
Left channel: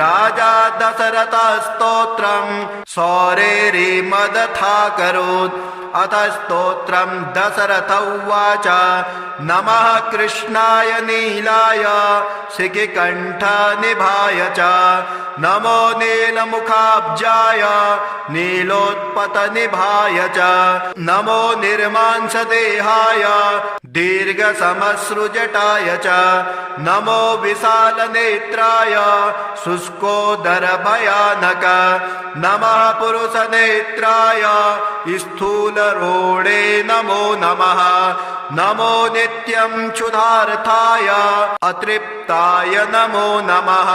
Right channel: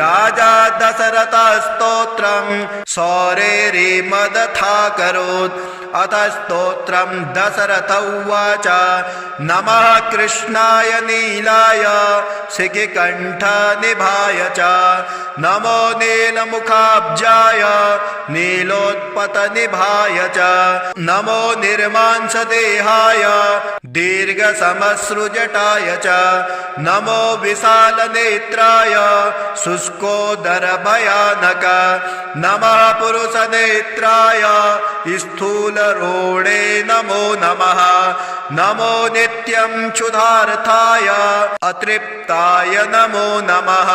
राजा दशरथस्तोत्रं सौरेरिमदथाकरोत् अथ स्तोत्रं दशरथ उवाच नमः कृष्णाय नीलाय शिखिकण्ठनिभाय च नमो नीलमुखाब्जाय नीलोत्पतनिभाय च नमो निर्मांसदेहाय दीर्घसमश्रुजटाय च नमो विशालनेत्राय शुष्कोदरभयानक नमः पुरुषनेत्राय स्थूलरोणे नमो नमः नमो नित्यं क्षुधार्थाय अतृप्ताय नमो नमः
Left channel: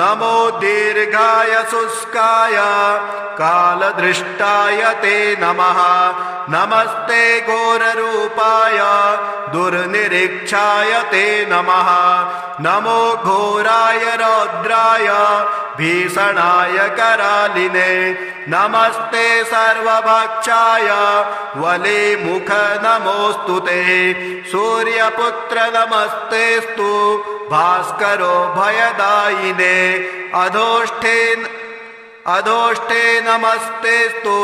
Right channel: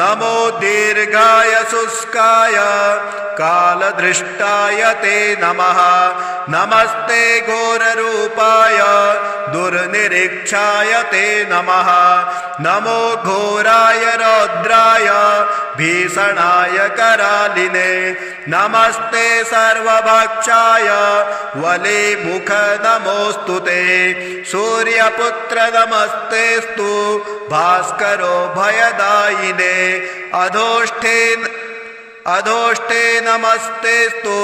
नमो दीर्घाय शुष्काय कालदृष्टाय ते नमः नमस्ते घोररूपाय दुर्निरीक्षाय ते नमः नमो घोराय रौद्राय भीषणाय करालिने नमस्ते सर्वभक्षाय वलिमुख नमोऽस्तु ते सूर्यपुत्र नमस्तेस्तु भास्करो भयदायिने अधोष्ठे नमस्तेस्तु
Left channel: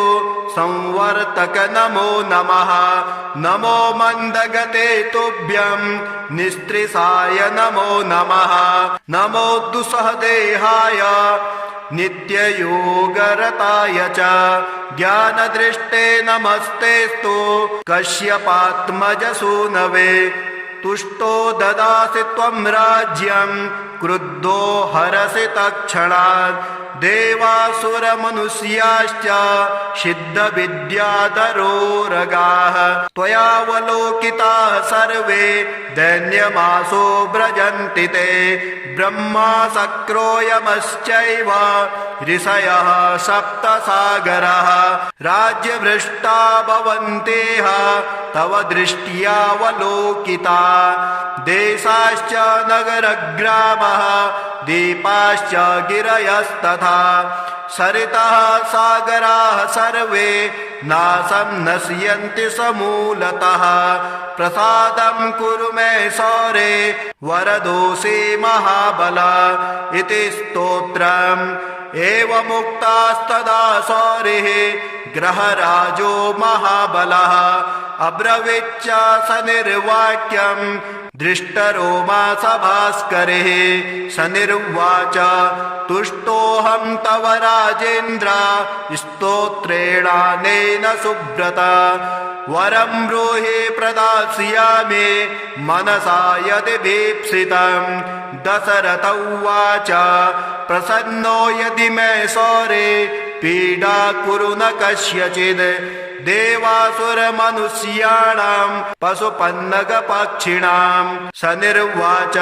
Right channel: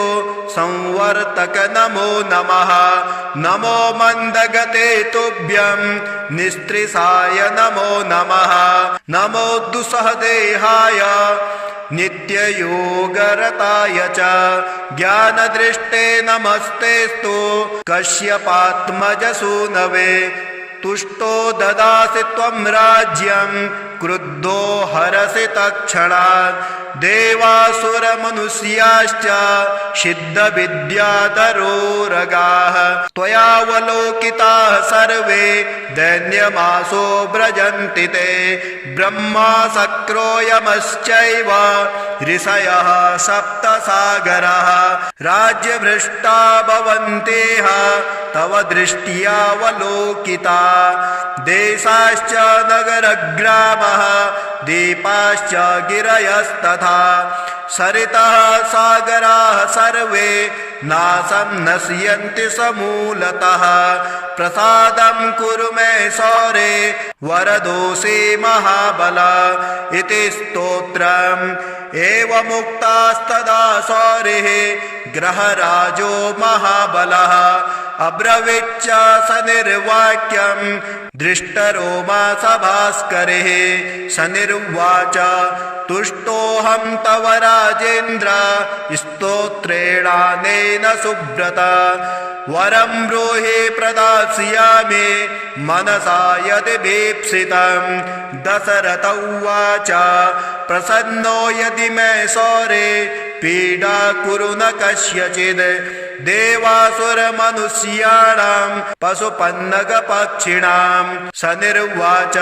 संवर्तक नमो नमः नमो मन्दगते तुभ्यं निस्त्रिसाय नमो नमः नमो दुस्सहदेहाय नित्ययोगरताय च ज्ञानदृष्टे नमस्तेस्तु कश्यपात्मजसूनवे तुष्टो ददासि त्वं राज्यं क्रुद्धो हरसि तत्क्षणात् देवासुरमनुष्याश्च सिद्धविद्याधरोरगाः त्वयावलोकिताः सर्वे दैन्यमासो व्रजन्ति ते ब्रह्मा शक्रोयमश्चैव ऋषयः सप्तसागरः राज्यभ्रष्टा भवन्तेह तव दृष्ट्यावलोकिता देशाश्च नगरग्रामः दीपाश्च गिरयस्तथा सरितः सागराः सर्वे नाशं नश्यन्ति समूलतः प्रसादं कुरु मे सौरे वरदोषे महाबल इति स्तोत्रम् एवमुक्तास्तदा सौरिः ग्रहराजो महाबलः अब्रवीच्च स निर्वाक्यम् दृष्टरोमा सभास्करिः स निर्वाच तुष्टोऽहं तव राजेन्द्र स्तोत्रेणानेन सुब्रत वरं ब्रूहि प्रदास्यामि मनसा यदि भीप्सितं दशरथ उवाच प्रसन्नो यदि मे सौरे पीडा कुरु न कस्यचित् देवासुरमनुष्याणां पशुपन्नगपक्षिणां स निर्वाच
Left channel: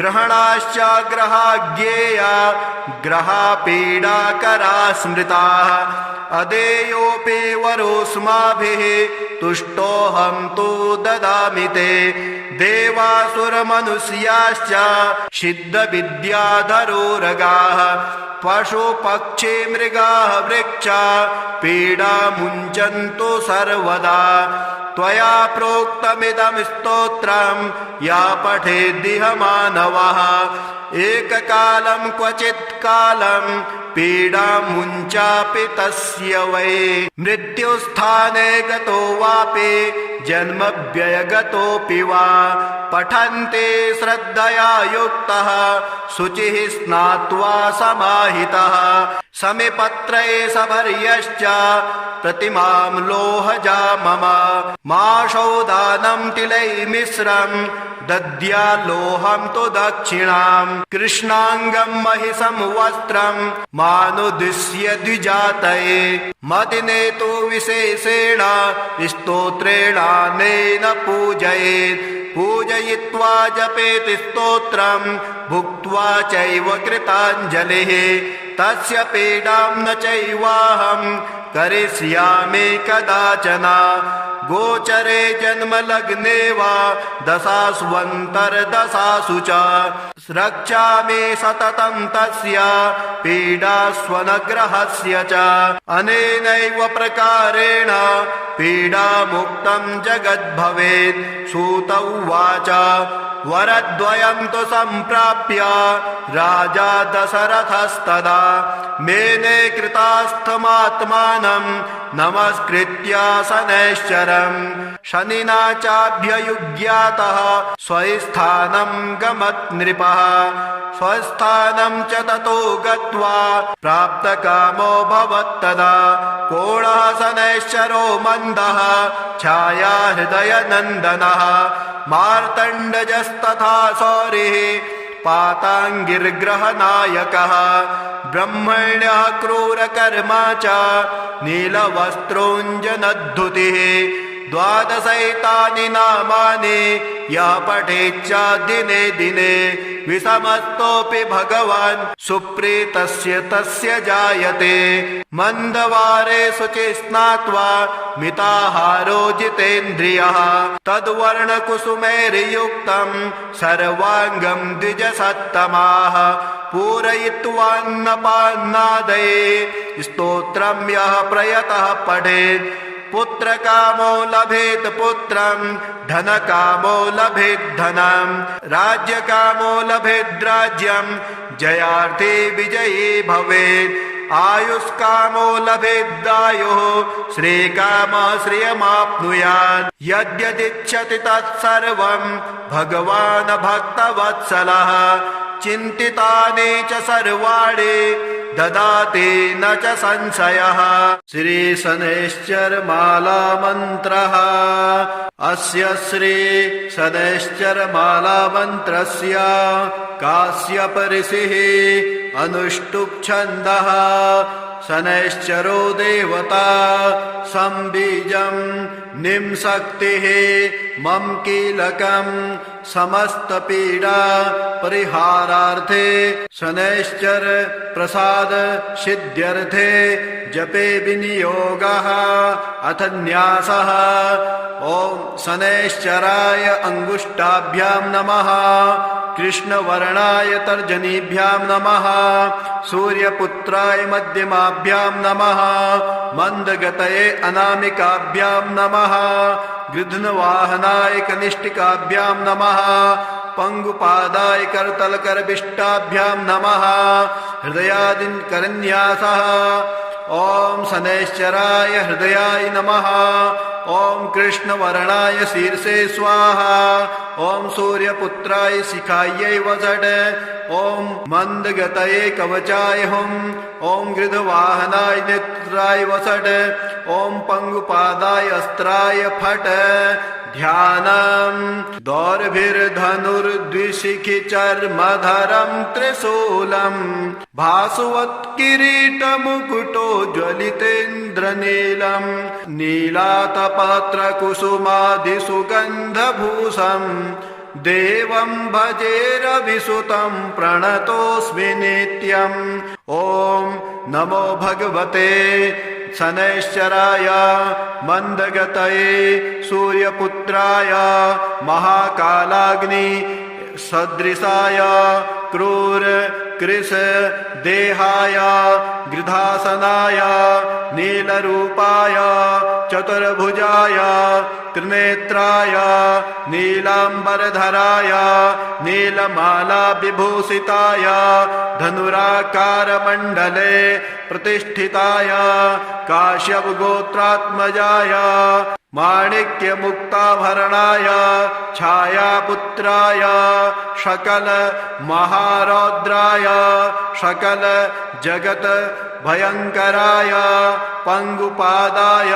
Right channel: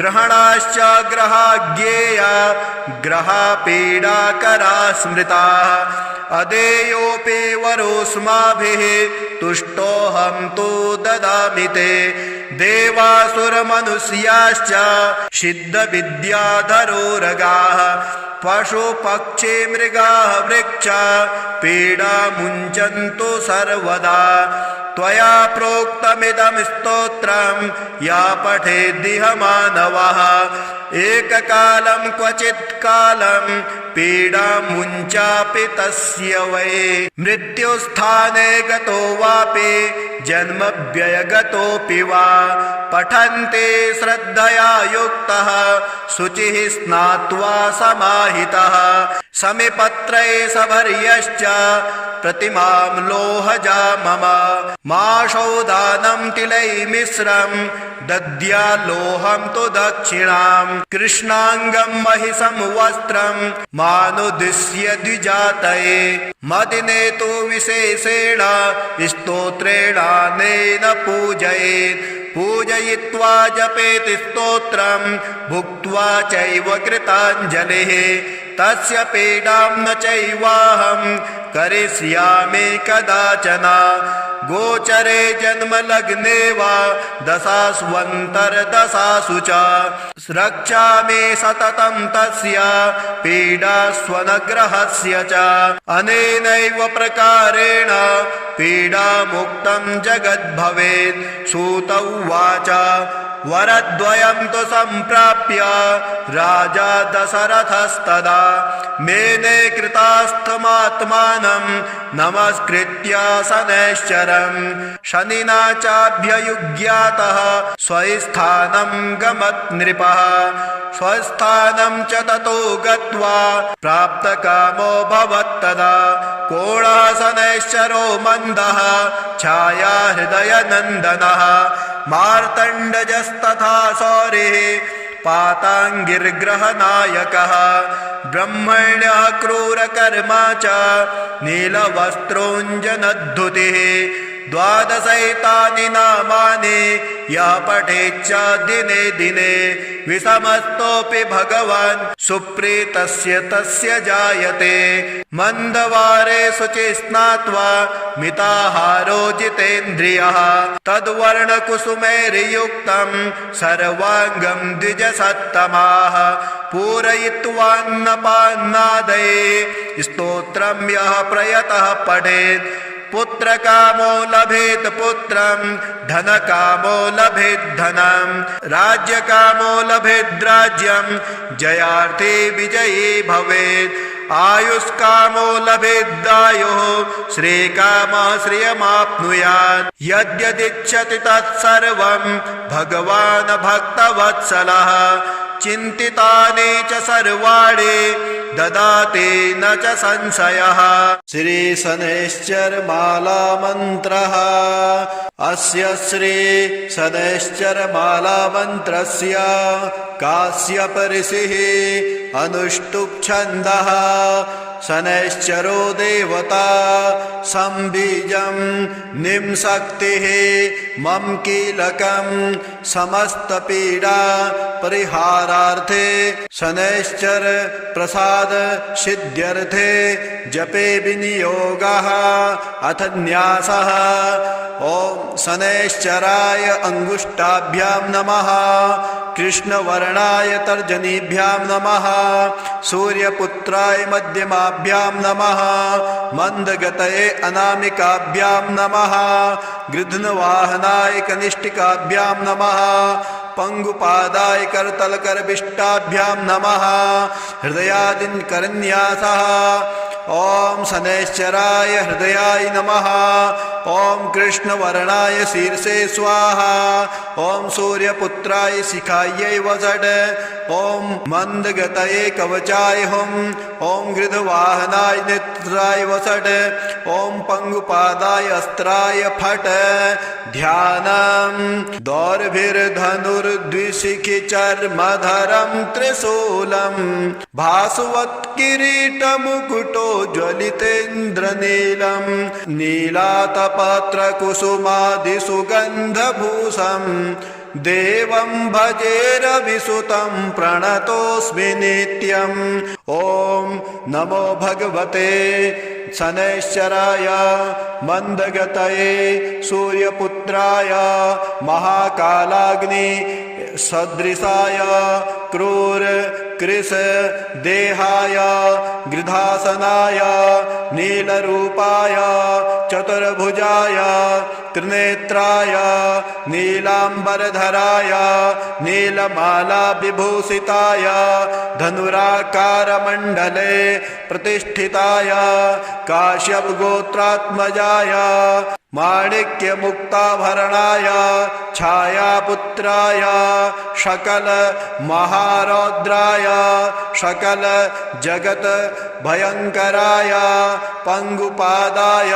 ग्रहणाश्च ग्रहाज्ञेया ग्रहापीडाकरा स्मृताः अदेयोऽपि वरोऽस्माभिः तुष्टोऽहं तु ददामि ते देवासुरमनुष्याश्च सिद्धविद्याधरोरगाः पशुपक्षी मृगाः वृक्षा पीडा मुञ्चन्तु सर्वदा त्वया प्रोक्तमिदं स्तोत्रं या पठेद्दिह मानवः एककालं क्वचित् कालं पीडा मुञ्चापि तस्य वै मृत्युस्थाने गतो वापि जन्मव्ययगतोऽपि वा पठन्ते श्रद्धया युक्तः शुचिः स्नात्वा समाहितः समिपत्रे सभर्यश्च प्रतिमां लोहजा मम माशौदानं तिलैर्मिश्रं दद्याल्लोहं तु दक्षिणां कृष्णाङ्गं महिषं वस्त्रं मानुद्दिश्य द्विजातये मदिने तु विशेषेण स्तोत्रेणानेन पूजयेत् पूजयित्वा जपेत् स्तोत्रं भुक्त्वा चैव कृताञ्जलिः तस्य पीडां न चैवाहं करिष्यामि कदाचन गोचरे जन्मलग्ने वा दशास्वन्तर्दशासु च रक्षामि सततं तस्य पीडास्वनग्रहस्य च अनेनैव प्रकारेण पीडामुक्तं जगद्भवेत् सूत उवाच वरद्वयं तु सम्प्राप्य राजा दशरथस्तदा मेने कृतास्थमात्मानं नमस्कृत्य शनैश्चरं शनिना चाभ्ययुज्ञातः स्वस्थानं गमत् नृपः स्वस्थानं च ततो गत्वा प्राप्तकामो भवत्तदा कोणः शनैश्चरो मन्दः छाया हृदयनन्दनः मार्तण्डजस्तथा सौरिः पाताङ्गिर्ग्रहनायकः ब्रह्मण्यः क्रूरकर्मा च नीलवस्त्रोञ्जनद्धुतिः द्वादशैतानि नामानि यः पठेच्च दिने दिने विषमस्तोऽपि भगवान् सुप्रीतस्य तस्य जायते मन्दवारे शुचि स्नात्वा मिताहारो जितेन्द्रियः तद्वर्णकुसुमैर्युक्तं सर्वाङ्गं द्विजसत्तमाः पूरयित्वान्नपान्नादये स्तोत्रं यः प्रयतः पठेत् पुत्रकामो लभेत् पुत्रं धनकामो लभेत् धनं राज्यकामो लभेत् राज्यं जयार्थी विजयी भवेत् आयुष्कामो लभेदायुः श्रीकामः श्रियमाप्नुयात् यद्यदिच्छति तत्सर्वं भगवान् भक्तवत्सलः चिन्तितानि च सर्वाणि ददाति न च संशयः। श्रीशनैश्चरमालामन्त्रः। अस्य श्रीशनैश्चरमालामन्त्रस्य काश्यप ऋषिः अनुष्टुप् छन्दः। शनैश्चरो देवता संबीजं निम्शक्तिः मम कीलकं समस्तपीडा परिहारार्थे शनैश्चर प्रसाद सिद्ध्यर्थे जपे विनियोगः। अथ न्यासः। ओम शनैश्चराय अंगुष्ठाभ्यां नमः। कृष्णवर्णाय तर्जनीभ्यां नमः। सूर्यपुत्राय मध्यमाभ्यां नमः। मंदगतये अनामिकाभ्यां नमः। गृध्नवाहनाय कनिष्ठिकाभ्यां नमः। पंगुपादाय करतलकरविष्टाभ्यां नमः। हृदयादिकरन्यासः। ओम शनैश्चराय हृदयाय नमः। ओम कृष्णवर्णाय शीर्षे स्वाहा। ओम सूर्यपुत्राय शिखायै वषट्। ओम मंदगतये कवचाय हुम्। ओम गृध्रवाहनाय नेत्राय वषट्। ओम पंगुपादाय अस्त्राय फट्। ध्यानम् दौर्भिर्धनुर्द्विशिखिचर्मधरं त्रिशूलम् भासुवत्किरीटमुकुटो ज्वलितेन्द्रनीलम् नीलातपत्रकुसुमादिसुगन्धभूषम् देवं भजेरविसुतं प्रणतोऽस्मि नित्यम्। ओम नमो भगवते शनैश्चराय मंदगतये सूर्यपुत्राय महाकालाग्नि सदृशाय क्रूर कृश देहाय गृधासनाय नीलरूपाय चतुर्भुजाय त्रिनेत्राय नीलांबरधराय नीलमाला विभूषिताय धनुराकारमण्डले प्रतिष्ठिताय काश्यपगोत्रात्मजाय माणिक्यमुक्ताभरणाय छायापुत्राय सकल महारौद्राय सकल जगत भयंकराय पंगुपादाय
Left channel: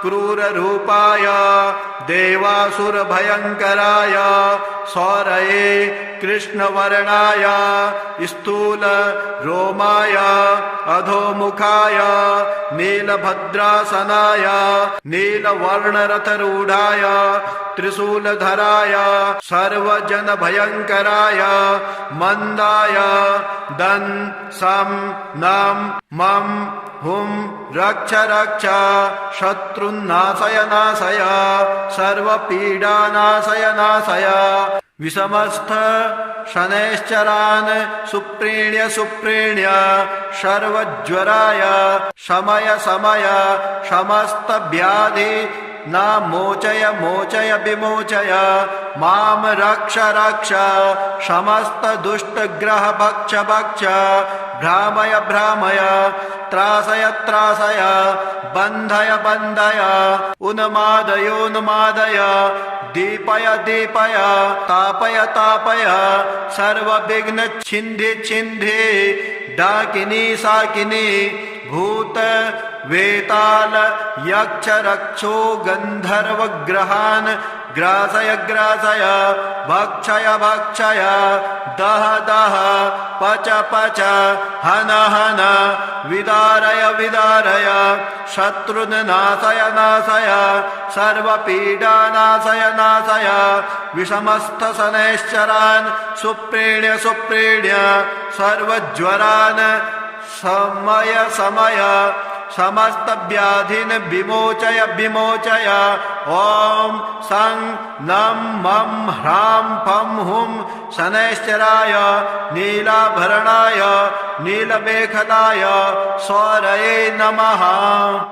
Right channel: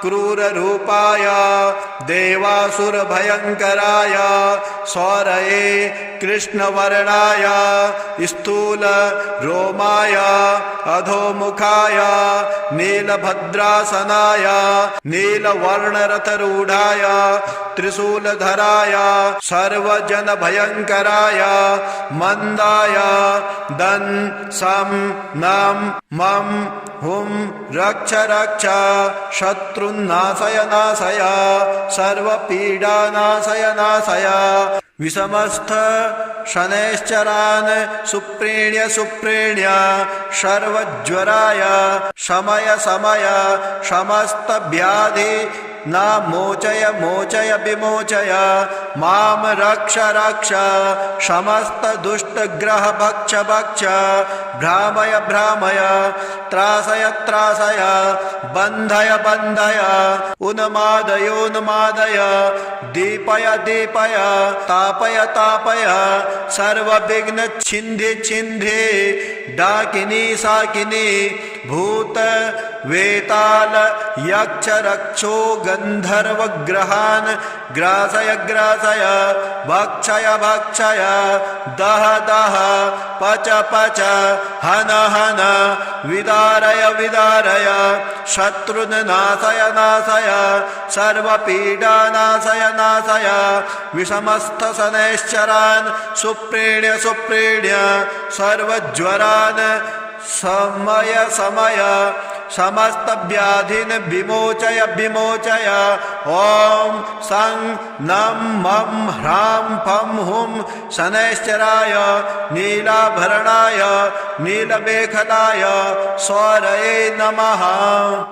क्रूररूपाय देवासुर भयंकराय सौरये कृष्णवर्णाय स्थूल रोमाय अधोमुखाय नीलभद्रासनाय नीलवर्णरथरूढ़ाय त्रिशूलधराय सर्वजन भयंकराय मंदाय दं सं नम मम हुम रक्ष रक्ष शत्रुन्नाशय नाशय सर्वपीडानाशय नाशय। विषमस्थ शनैश्चरान् सुप्रीण्य सुप्रीण्य सर्वज्वराय शमय शमय समस्त व्याधि न मोचय मोचय विमोचय माम रक्ष रक्ष समस्त दुष्ट ग्रह भक्ष भक्ष भ्रामय भ्रामय त्रासय त्रासय बन्धय बन्धय उन्मादय उन्मादय दीपय दीपय तापय तापय सर्वविघ्न छिन्धि छिन्धि डाकिनी साकिनी भूत वेताल यक्ष रक्षो गंधर्व ग्रहान् ग्रासय ग्रासय भक्षय भक्षय दह दह पच पच हन हन विदारय विदारय शत्रुन् नाशय नाशय सर्वपीडा नाशय नाशय। विषमस्थ शनैश्चरान् सुप्रीण्य सुप्रीण्य सर्वज्वरान् समय समय समस्त व्याधिन विमोचय विमोचय। ओम सं नम मम ह्रां फं हुं शनैश्चराय नीलाभरणाय नीलमेखलाय सौरये नमः।